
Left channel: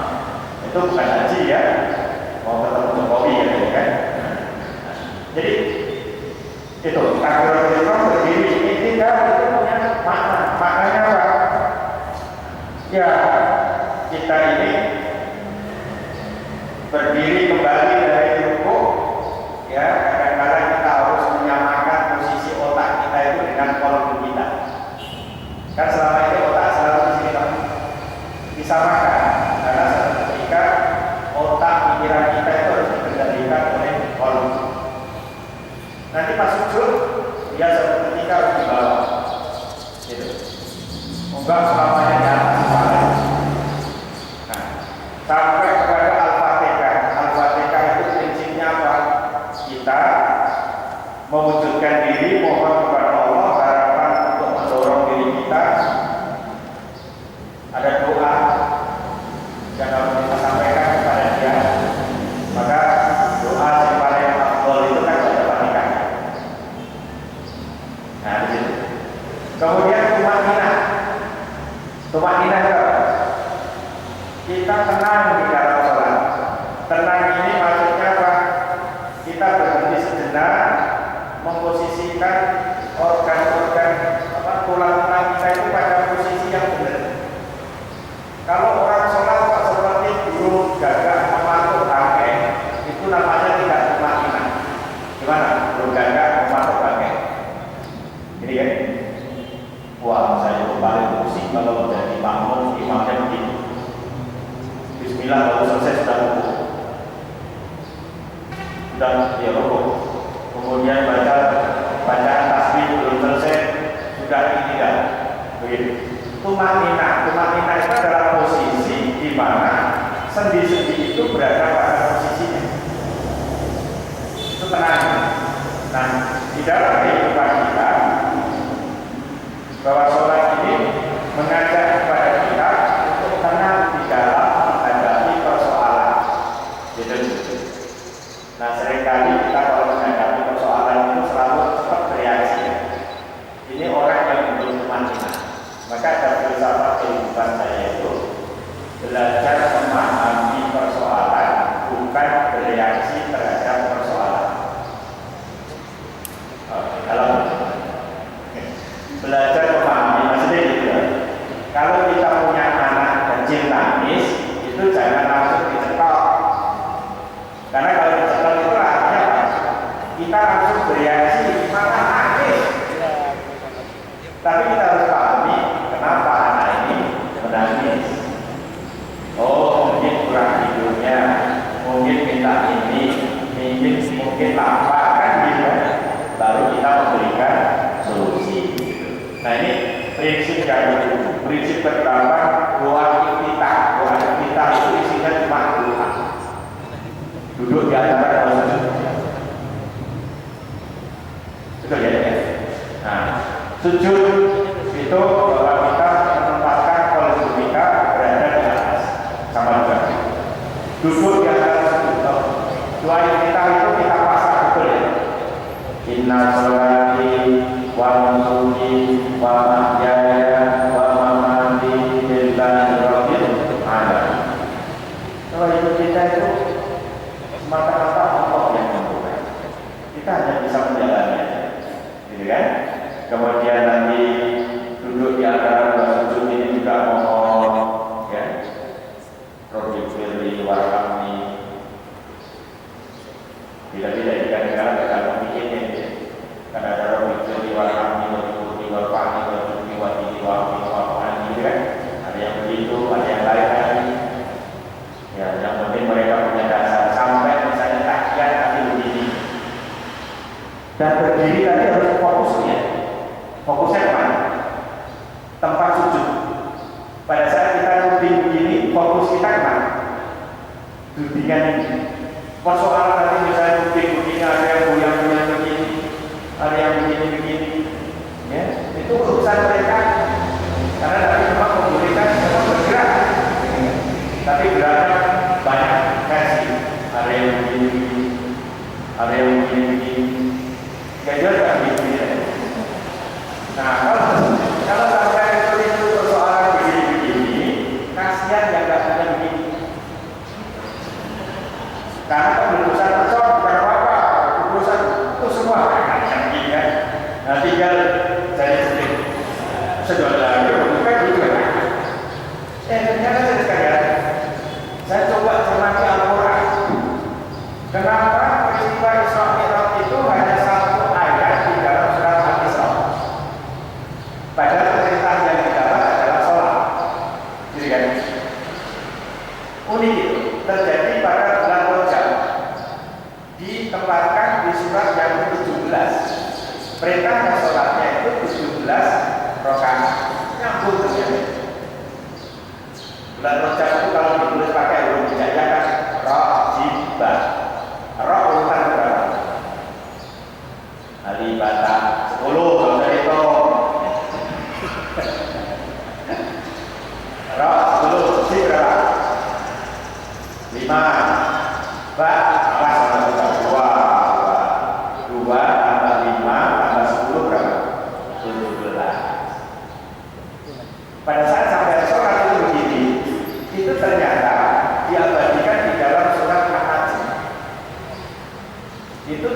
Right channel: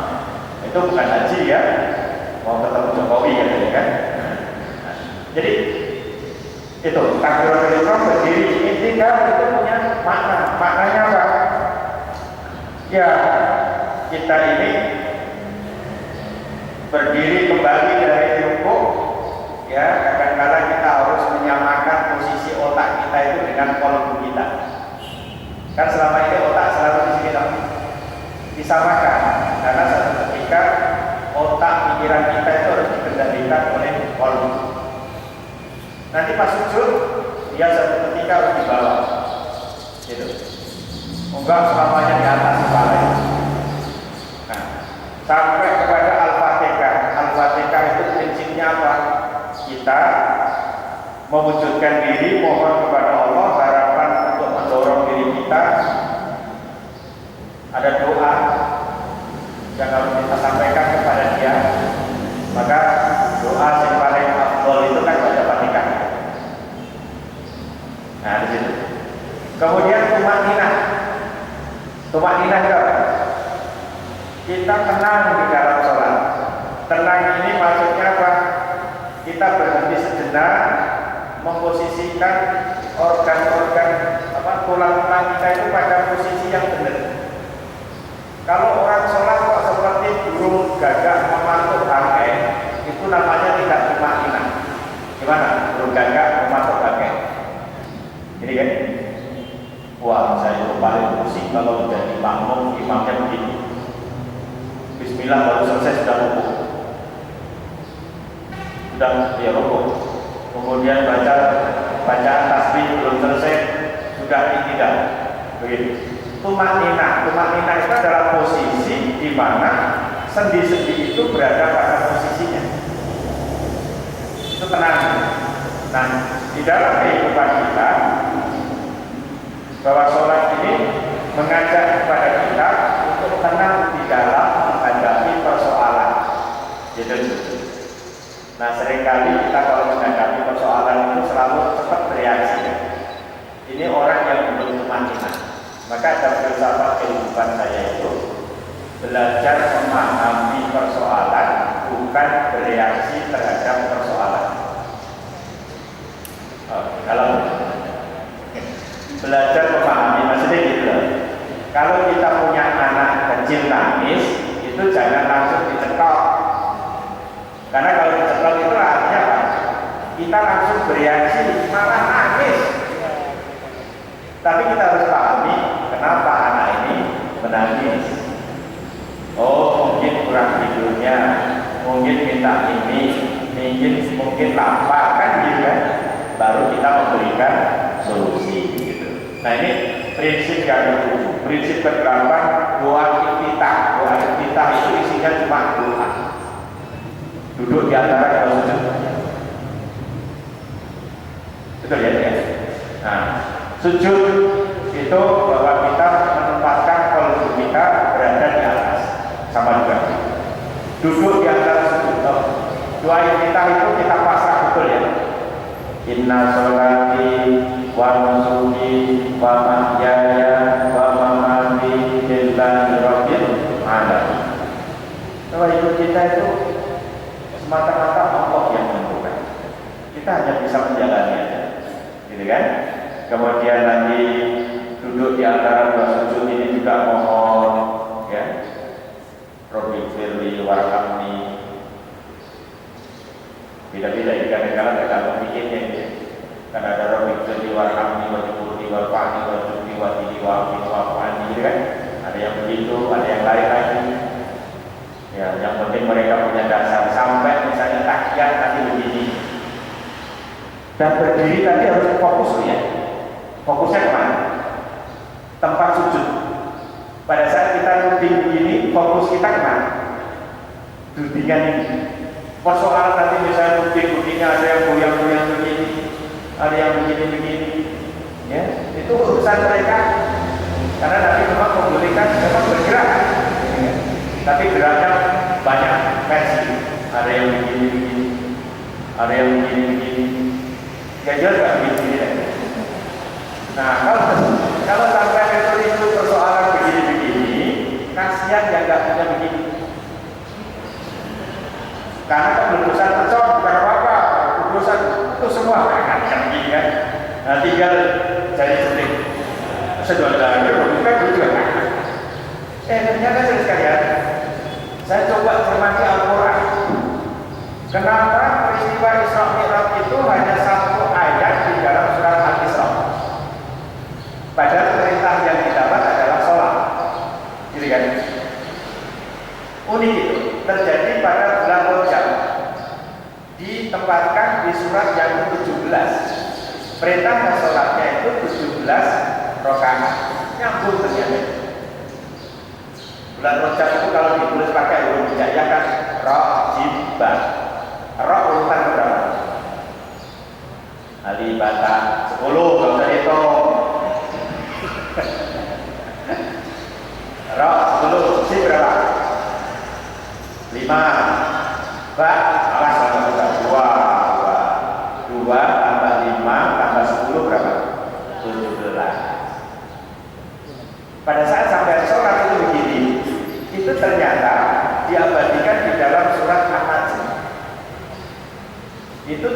itu bukan haji ya, mau ketemu Jokowi ya, kan? Jadi itu takbiratul ihram berdiri itikaf itu punya maknanya apa? Ya, kita ini berdiri kembali dari rukuk pikiran kita itu harus dikendalikan oleh kolbu. Nanti pas sujud, dia satu ketika harus di bawah, gitu. Enggak selamanya di atas kepala. Nah, sampai kepada Al-Fatihah. Al-Fatihah itu prinsipnya apa? Kita mewujudkan diri, mohon kepada Allah, harapan untuk mendorong diri kita. Ada doa yang harus kita sampaikan kepada dia. Maka doa yang paling afdol itu kan baca Fatihah. Nah, di situ. Kemudian tumakninah. Tumakninah itu apa? Kita tenang di dalam sholat. Tenang ini maksudnya apa? Kita berhenti sejenak, memposisikan organ-organ tulang-tulang kita itu pada posisi yang benar. Kalau orang sholat kok seperti burung gagak mematuk bangkai, itu namanya tidak tumakninah. Gimana? Burung gagak mematuk bangkai. Ini kan? Wah, saya itu paling pusing kalau jadi makmum imamnya begitu. Bismillah baru selesai sudah rukuk. Sudah ya rukuk. Kemudian bacaan tasbih belum selesai sudah tidak. Begitu. Tumakninah itu adalah posisi di mana sendi-sendi itu berada pada posisinya. Itu tenang. Nah, di dalam kehidupan kita, bahwa sholat ini mengajak kepada kita untuk tenang di dalam menghadapi persoalan. Gitu. Nah, seringkali kita kalau menghadapi persoalan itu selalu cepat bereaksi. Ini orang yang belum tumakninah. Maka dalam filsafat kehidupan saya itu belajar memahami persoalan, bukan bereaksi terhadap persoalan. Dalam belajar memahami maksudnya gitu. Kalau kita punya anak kecil nangis, itu jangan langsung dicekal. Karena kalau dicekal itu artinya apa? Kita langsung bereaksi, malah nangis. Tapi kita harus pahami kenapa anak ini menangis. Oh, mungkin kurang tidurnya, mungkin minta ini, mungkin lapar kan gitu kan. Baru kita memberikan solusi gitu. Nah, ini prinsip yang kedua. Prinsip ke-8, doa iftitah. Doa iftitah itu isinya cuma doa. Duduk di antara dua sujud. Betul ya? Nah, sujud itu bahwa kita menempatkan kolbu kita berada di atas, sama juga. Duduk di antara sujud. Doa iftitah itu kita pasang betul ya. Inna sholati wa nusuki wa mahyaya wa mamati lillahi rabbil alamin. Kalau itu kita itu semata-mata Allah yang menentukan. Kita hanya bisa menjalani aja, gitu kan? Kemudian nanti duduk di antara dua sujud ini juga mohon, ya, Rabbi firli warhamni. Beda-beda di kadang-kadang tergantung pikirnya gitu. Karena ada Rabbi firli warhamni wa jiburi wa fa'ni wa jibri wa tihi wa amin wa fa'ni, gitu kan? Ada yang begitu, ada yang lain lagi. Ya, yang penting mereka punya dasar. Sampai misalnya tahiyat nanti begini. Dan berdiri tadi harus fokus ya. Fokusnya kemana? Tempat sujud. Pada saat kita duduk begini, fokus kita kemana? Dudingan ini. Persoalan tadi misalnya duduk-duduknya ada yang goyang-goyang begini, ada yang begini-begini, ya, itu urusan mereka. Karena nanti memang membolehkan memang bergerak, ya. Tapi geraknya banyak versi. Ada yang begini-begini, ada yang begini-begini. Ya jelas nggak begini-begini. Nah, kalau sampai itu persoalan begini-begini, kasihan yang nggak punya begini. Karena keputusan percok bukan apa-apa, keputusan itu semua kan begini kan. Nah, tinggal jadi sedikit sedot lagi, bukan gitu kan. Ternyata saya sekalian, saya coba cermati Al-Quran. Kenapa peristiwa Isra Mi'raj itu hanya satu ayat di dalam surat Al-Isra? Padahal perintah yang didapat adalah sholat, gitu kan? Unik itu terjadi pada bulan ditempatkan di surat yang 17. Perintah sholatnya itu 17 rakaat. Nyambung ternyata. Bulan Rajab itu kalau ditulis pakai huruf hijaiyah kan Rajibah. Ra urutan berapa? Alibata 10 kalau saya hitung. Ra 10 si berapa? 5. Ba alas sama 2 tambah 5 tambah 10 berapa? 17. Pada saat sampai sholat itu begini, itu ternyata diabadikan di dalam surat An-Najm. Itu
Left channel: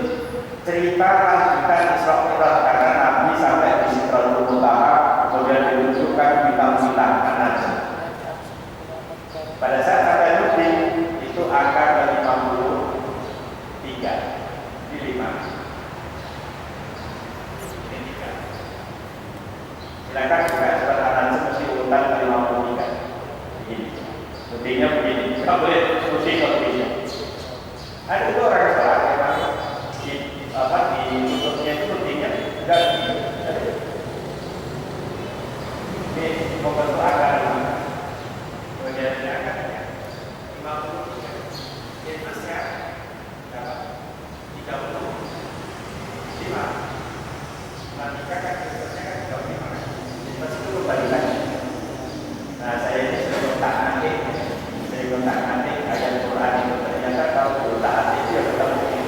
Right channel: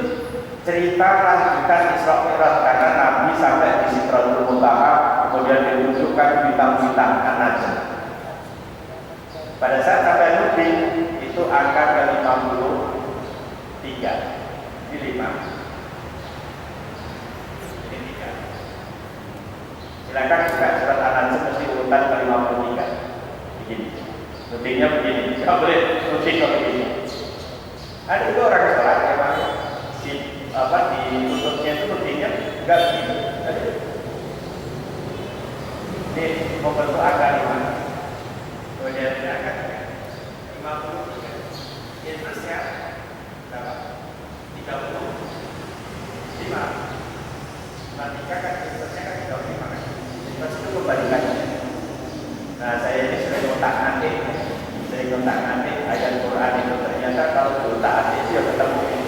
cerita lanjutan Isra Mi'raj karena Nabi sampai di Sidratul Muntaha, kemudian ditunjukkan bintang-bintang An-Najm. Pada saat sampai Nudin itu angka ke-53. Ini 5. Ini 3. Silakan buka surat An-Najm mesti urutan ke-53. Begini. Nudinnya begini. Enggak boleh nuding kalau begini. Ada itu orang sholat ya Pak. Ditutupnya itu nudingnya enggak begini. Ini membentuk angka 5. Kemudian angka 53. Intrusnya berapa? 35. Nanti kan intrusnya kan 35. Intrus itu kembalikannya. Nah saya ini sering kontak-atik ayat Quran itu ternyata kalau kontak-atik itu ya ketemu ini.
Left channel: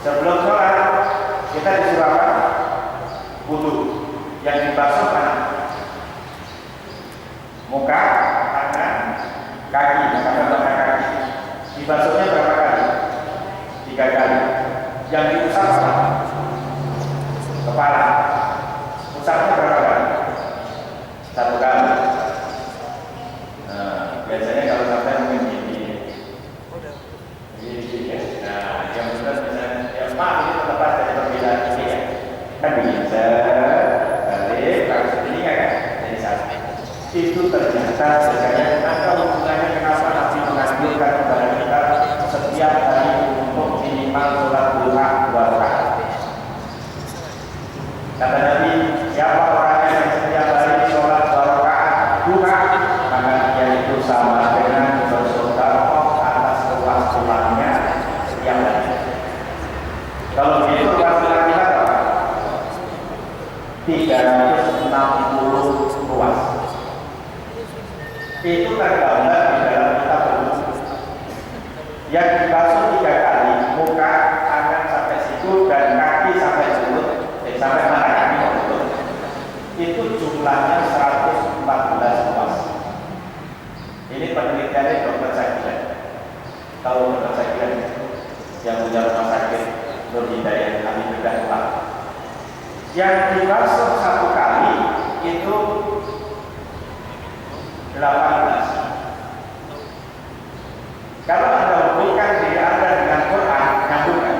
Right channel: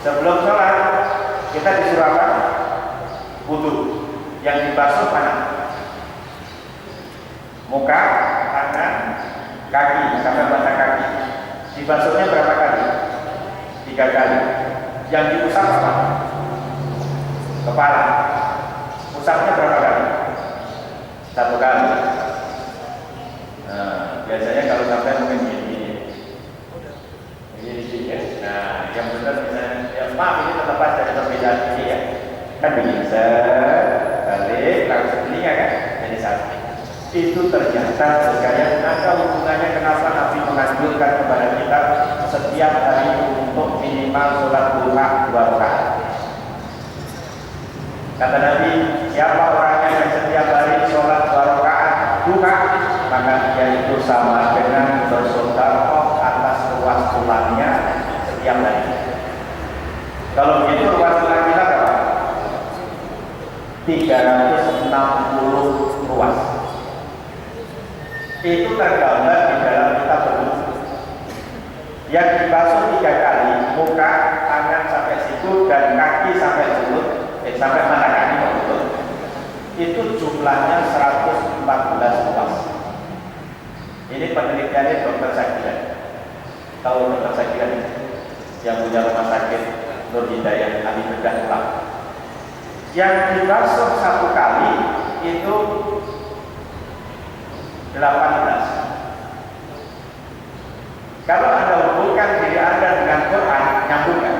Sebelum sholat kita disuruh apa? Wudu. Yang dibasuh mana? Muka, tangan, kaki, sampai mata kaki. Dibasuhnya berapa kali? 3 kali. Yang diusap apa? Kepala. Usapnya berapa kali? 1 kali. Nah, biasanya kalau sampai mungkin gini ya. Nah, yang benar misalnya, ya maaf ini terlepas dari perbedaan ini ya. Kan begini, balik, langsung telinga kan? Jadi satu. Itu ternyata sekalian ada hubungannya kenapa Nabi menganjurkan kepada kita setiap hari untuk minimal sholat duha 2 rakaat. Kata Nabi, siapa orangnya yang setiap hari sholat 2 rakaat duha, maka dia itu sama dengan bersedekah atas ruas tulangnya setiap hari. Kalau begitu ruas tulang kita berapa? 360 ruas. Itu tergambar di dalam kitab berwudu. Yang dibasuh 3 kali, muka, tangan sampai situ dan kaki sampai mulut, sampai mata kaki mulut. Itu jumlahnya 114 ruas. Ini penelitiannya Dr. Sakiran. Tahu Dr. Sakiran yang punya rumah sakit Nur Hidayah kami bedah ulang. Yang dibasuh 1 kali itu 18. Kalau Anda hubungkan diri Anda dengan Quran, nyambung kan?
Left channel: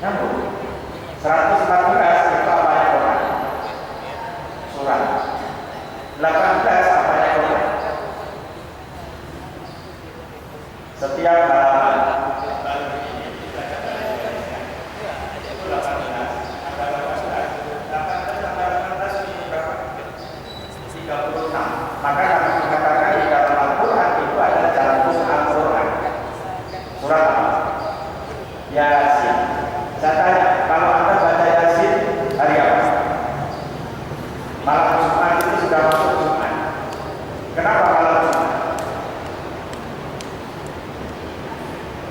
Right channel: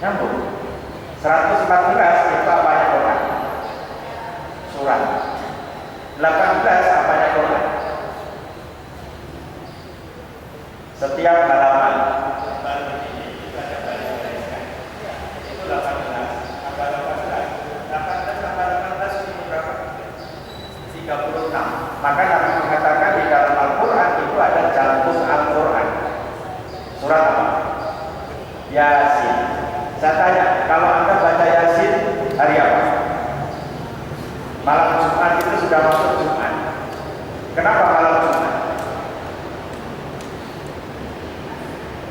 Nyambung. 114 itu apanya Quran? Surat. 18 apanya Quran? Setiap halaman. Itu ada baris-barisnya. Itu 18. Ada 18 tambah 18 ini berapa? 36. Maka Nabi mengatakan di dalam Al-Quran itu ada jantung Al-Quran. Surat apa? Yasin. Saya tanya, kalau Anda baca Yasin hari apa? Malam Jumat itu sudah masuk Jumat. Kenapa malam Jumat?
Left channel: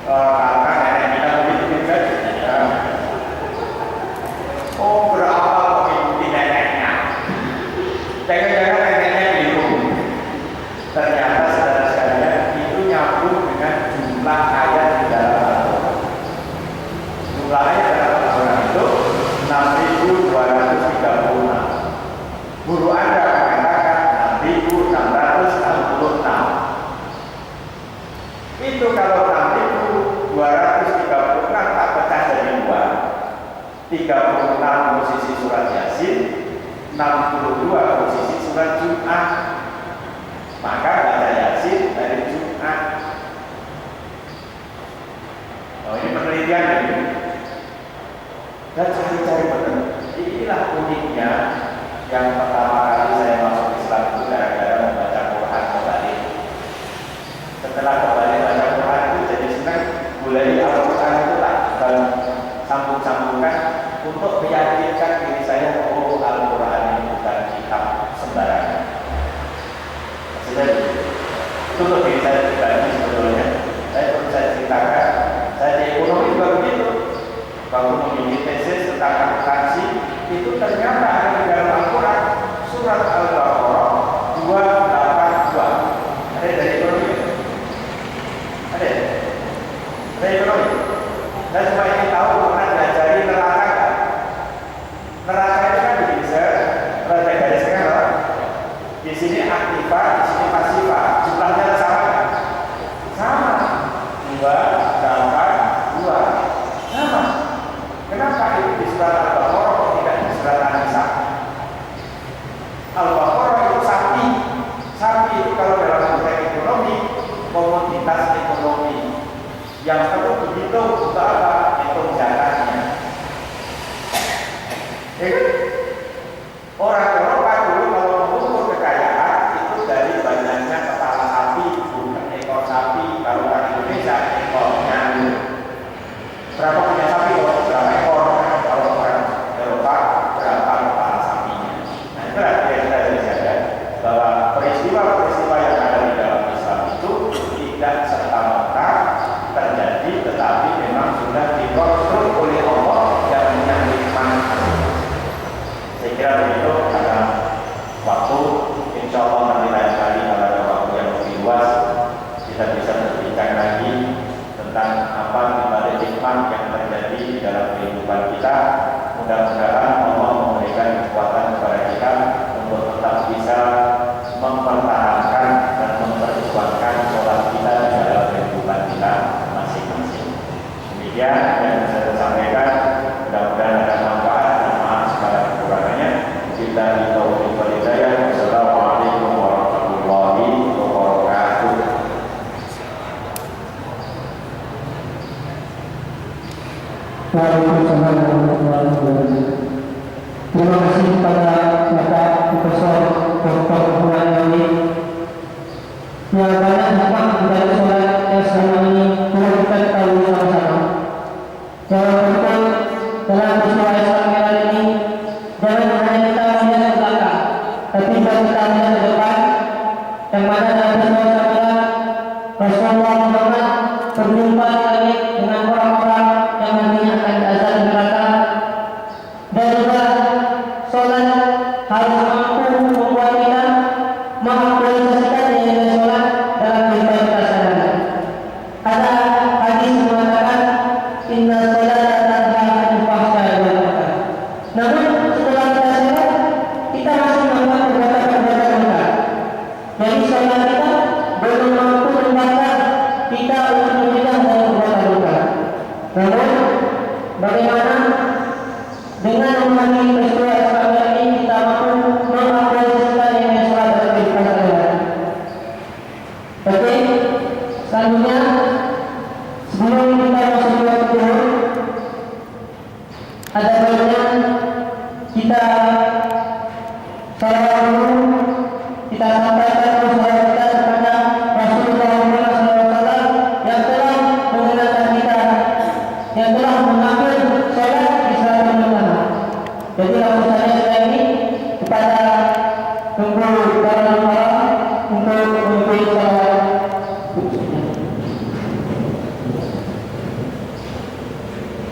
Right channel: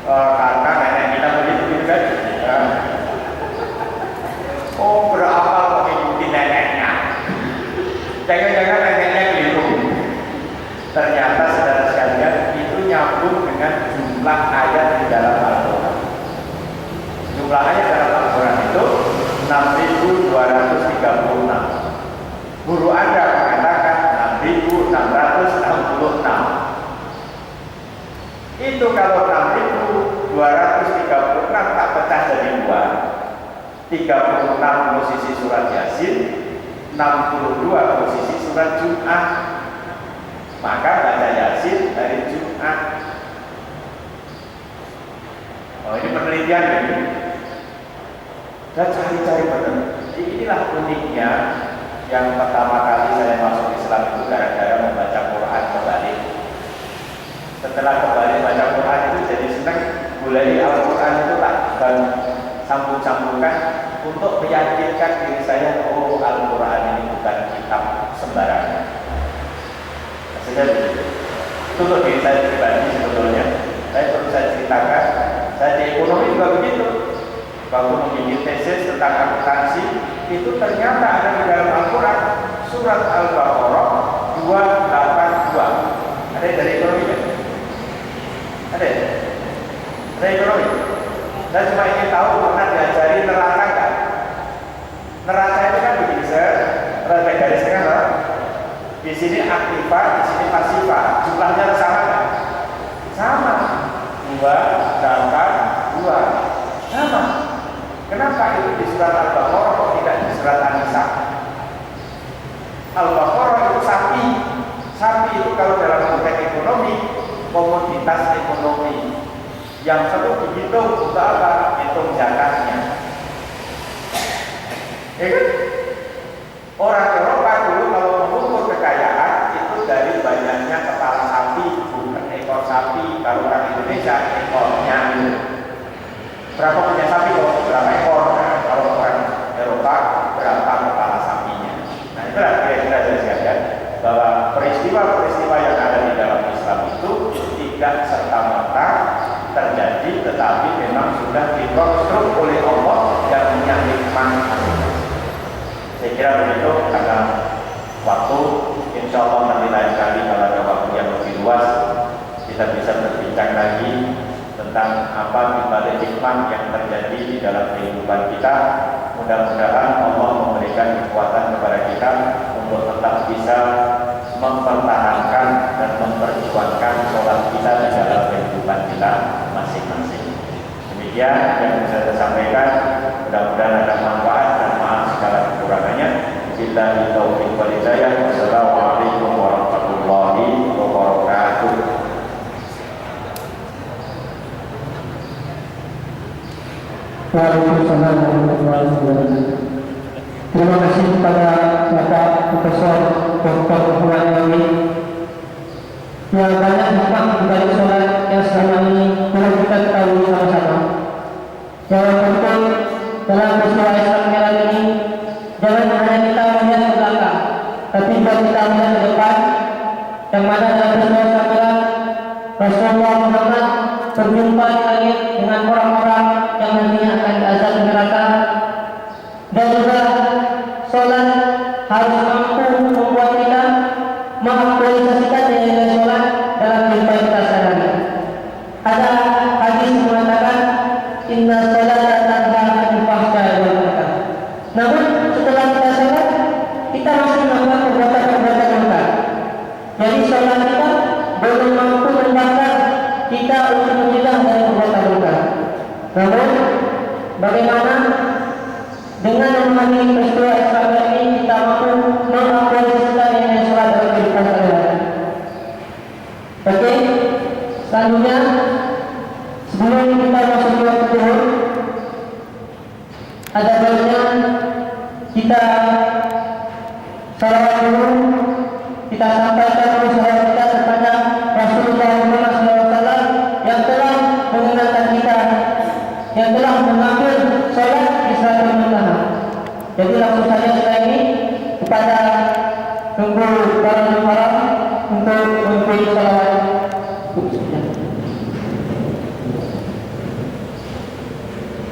Karena nenek kita begitu kan? Oh, beramal mengikuti neneknya. Jangan-jangan neneknya keliru. Ternyata saudara sekalian itu nyambung dengan jumlah ayat di dalam Al-Quran. Jumlah ayat dalam Al-Quran itu 6.236. Guru Anda mengatakan 6.666. Itu kalau 6.236 tak pecah jadi 2. 36 posisi surat Yasin, 62 posisi surat Jum'ah. Maka baca Yasin dari Jum'ah. Oh sendirian gitu. Dan cari-cari benar. Inilah uniknya yang pertama kali saya masuk Islam itu gara-gara membaca Quran kembali. Setelah kembali baca Quran itu jadi senang, mulai Al-Quran itu tak sambung-sambungkan untuk meyakinkan diri saya, oh Al-Quran ini bukan kitab sembarangan. Maksudnya begitu. Itu untuk diri saya pribadi sebetulnya. Saya perlu saya ceritakan, saya di ekonomi juga begitu. Waktu memiliki tesis tentang akuntansi, itu ternyata ada di dalam Al-Quran surat Al-Baqarah 282. Ada dari ekonomi? Ada ya? Ada ekonomi? Saya cuma ingin tahu pernah diajari neraka kan? Neraka itu kan begini, saya gariskan kan? Di sini aktifah, di sini pasifah. Jumlahnya sama kan? Sama. 2, 8, 2. Sama. Kenapa itu di surat Al-Baqarah kok tidak di surat An-Nisa? Al-Baqarah itu sapi. Sapi itu kalau dalam konteks ekonomi, komoditas ekonomi yang perlu dihitung untuk apa? Hitung zakatnya. Ya kan? Orang Eropa dulu kalau mengukur kekayaan itu dari banyaknya kepala sapi, bukan ekor sapi. Kalau orang Indonesia ekornya. Berapa punya sapi? Berapa ekor? Kalau orang Eropa berapa kepala sapinya? Nah itulah kira-kira dari saya bahwa peristiwa-peristiwa yang ada di dalam Islam itu tidak serta-merta terjadi, tetapi memang sudah dikonstruk oleh Allah yang punya hikmah. Saya kira begitu, karena waktu insya Allah nanti lain kali kalau ada waktu yang lebih luas kita bisa berbincang lagi tentang apa dibalik hikmah yang terjadi di dalam kehidupan kita. Mudah-mudahan Allah memberikan kekuatan kepada kita untuk tetap bisa mempertahankan dan memperjuangkan sholat kita di dalam kehidupan kita masing-masing. Demikian yang bisa saya sampaikan. Mudah-mudahan ada manfaat dan maaf segala kekurangannya. Billahi taufiq wal hidayah. Wassalamualaikum warahmatullahi wabarakatuh. Waalaikumsalam warahmatullahi wabarakatuh. Terima kasih kepada Bapak Profesor Dr. Muhammad Nawawi yang banyak hikmah dari sholat yang selama ini telah kita ketahui sama-sama. Yang penting dalam peristiwa Islam era ini, jangan hanya kita melihat ke belakang, tapi juga kita melihat ke depan, yang mana dalam peristiwa Islam Rasulullah Muhammad berjumpa di langit dengan orang-orang yang nantinya akan diazab di neraka, dan juga sholat harus mampu membuat kita mengaktualisasikan nilai sholat dalam kehidupan kita sehari-hari. Ada hadis mengatakan inna sholata tanha 'anil fahsya'i wal munkar. Namun setelah kita sholat, kita masih melakukan perbuatan-perbuatan munkar. Jadi sholat kita belum mampu membakar kita untuk mencegah dari perbuatan munkar. Namun bagaimana dengan memahami peristiwa Islam ini kita mampu mengaktualisasikan nilai sholat dalam kehidupan sehari-hari. Oke, selanjutnya sebelum kita masuk ke tujuan, ada baiknya kita salawat dulu, kita sampaikan dulu salawat kita kepada Rasulullah SAW yang telah mengenalkan kita, yang telah mengambil sholat di Salatul Muntaha. Jadi langsung saja setelah ini kepada tunggu para ulama untuk mengikuti salawat.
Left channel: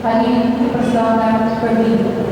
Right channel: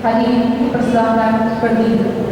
Hadirin persilakan berdiri.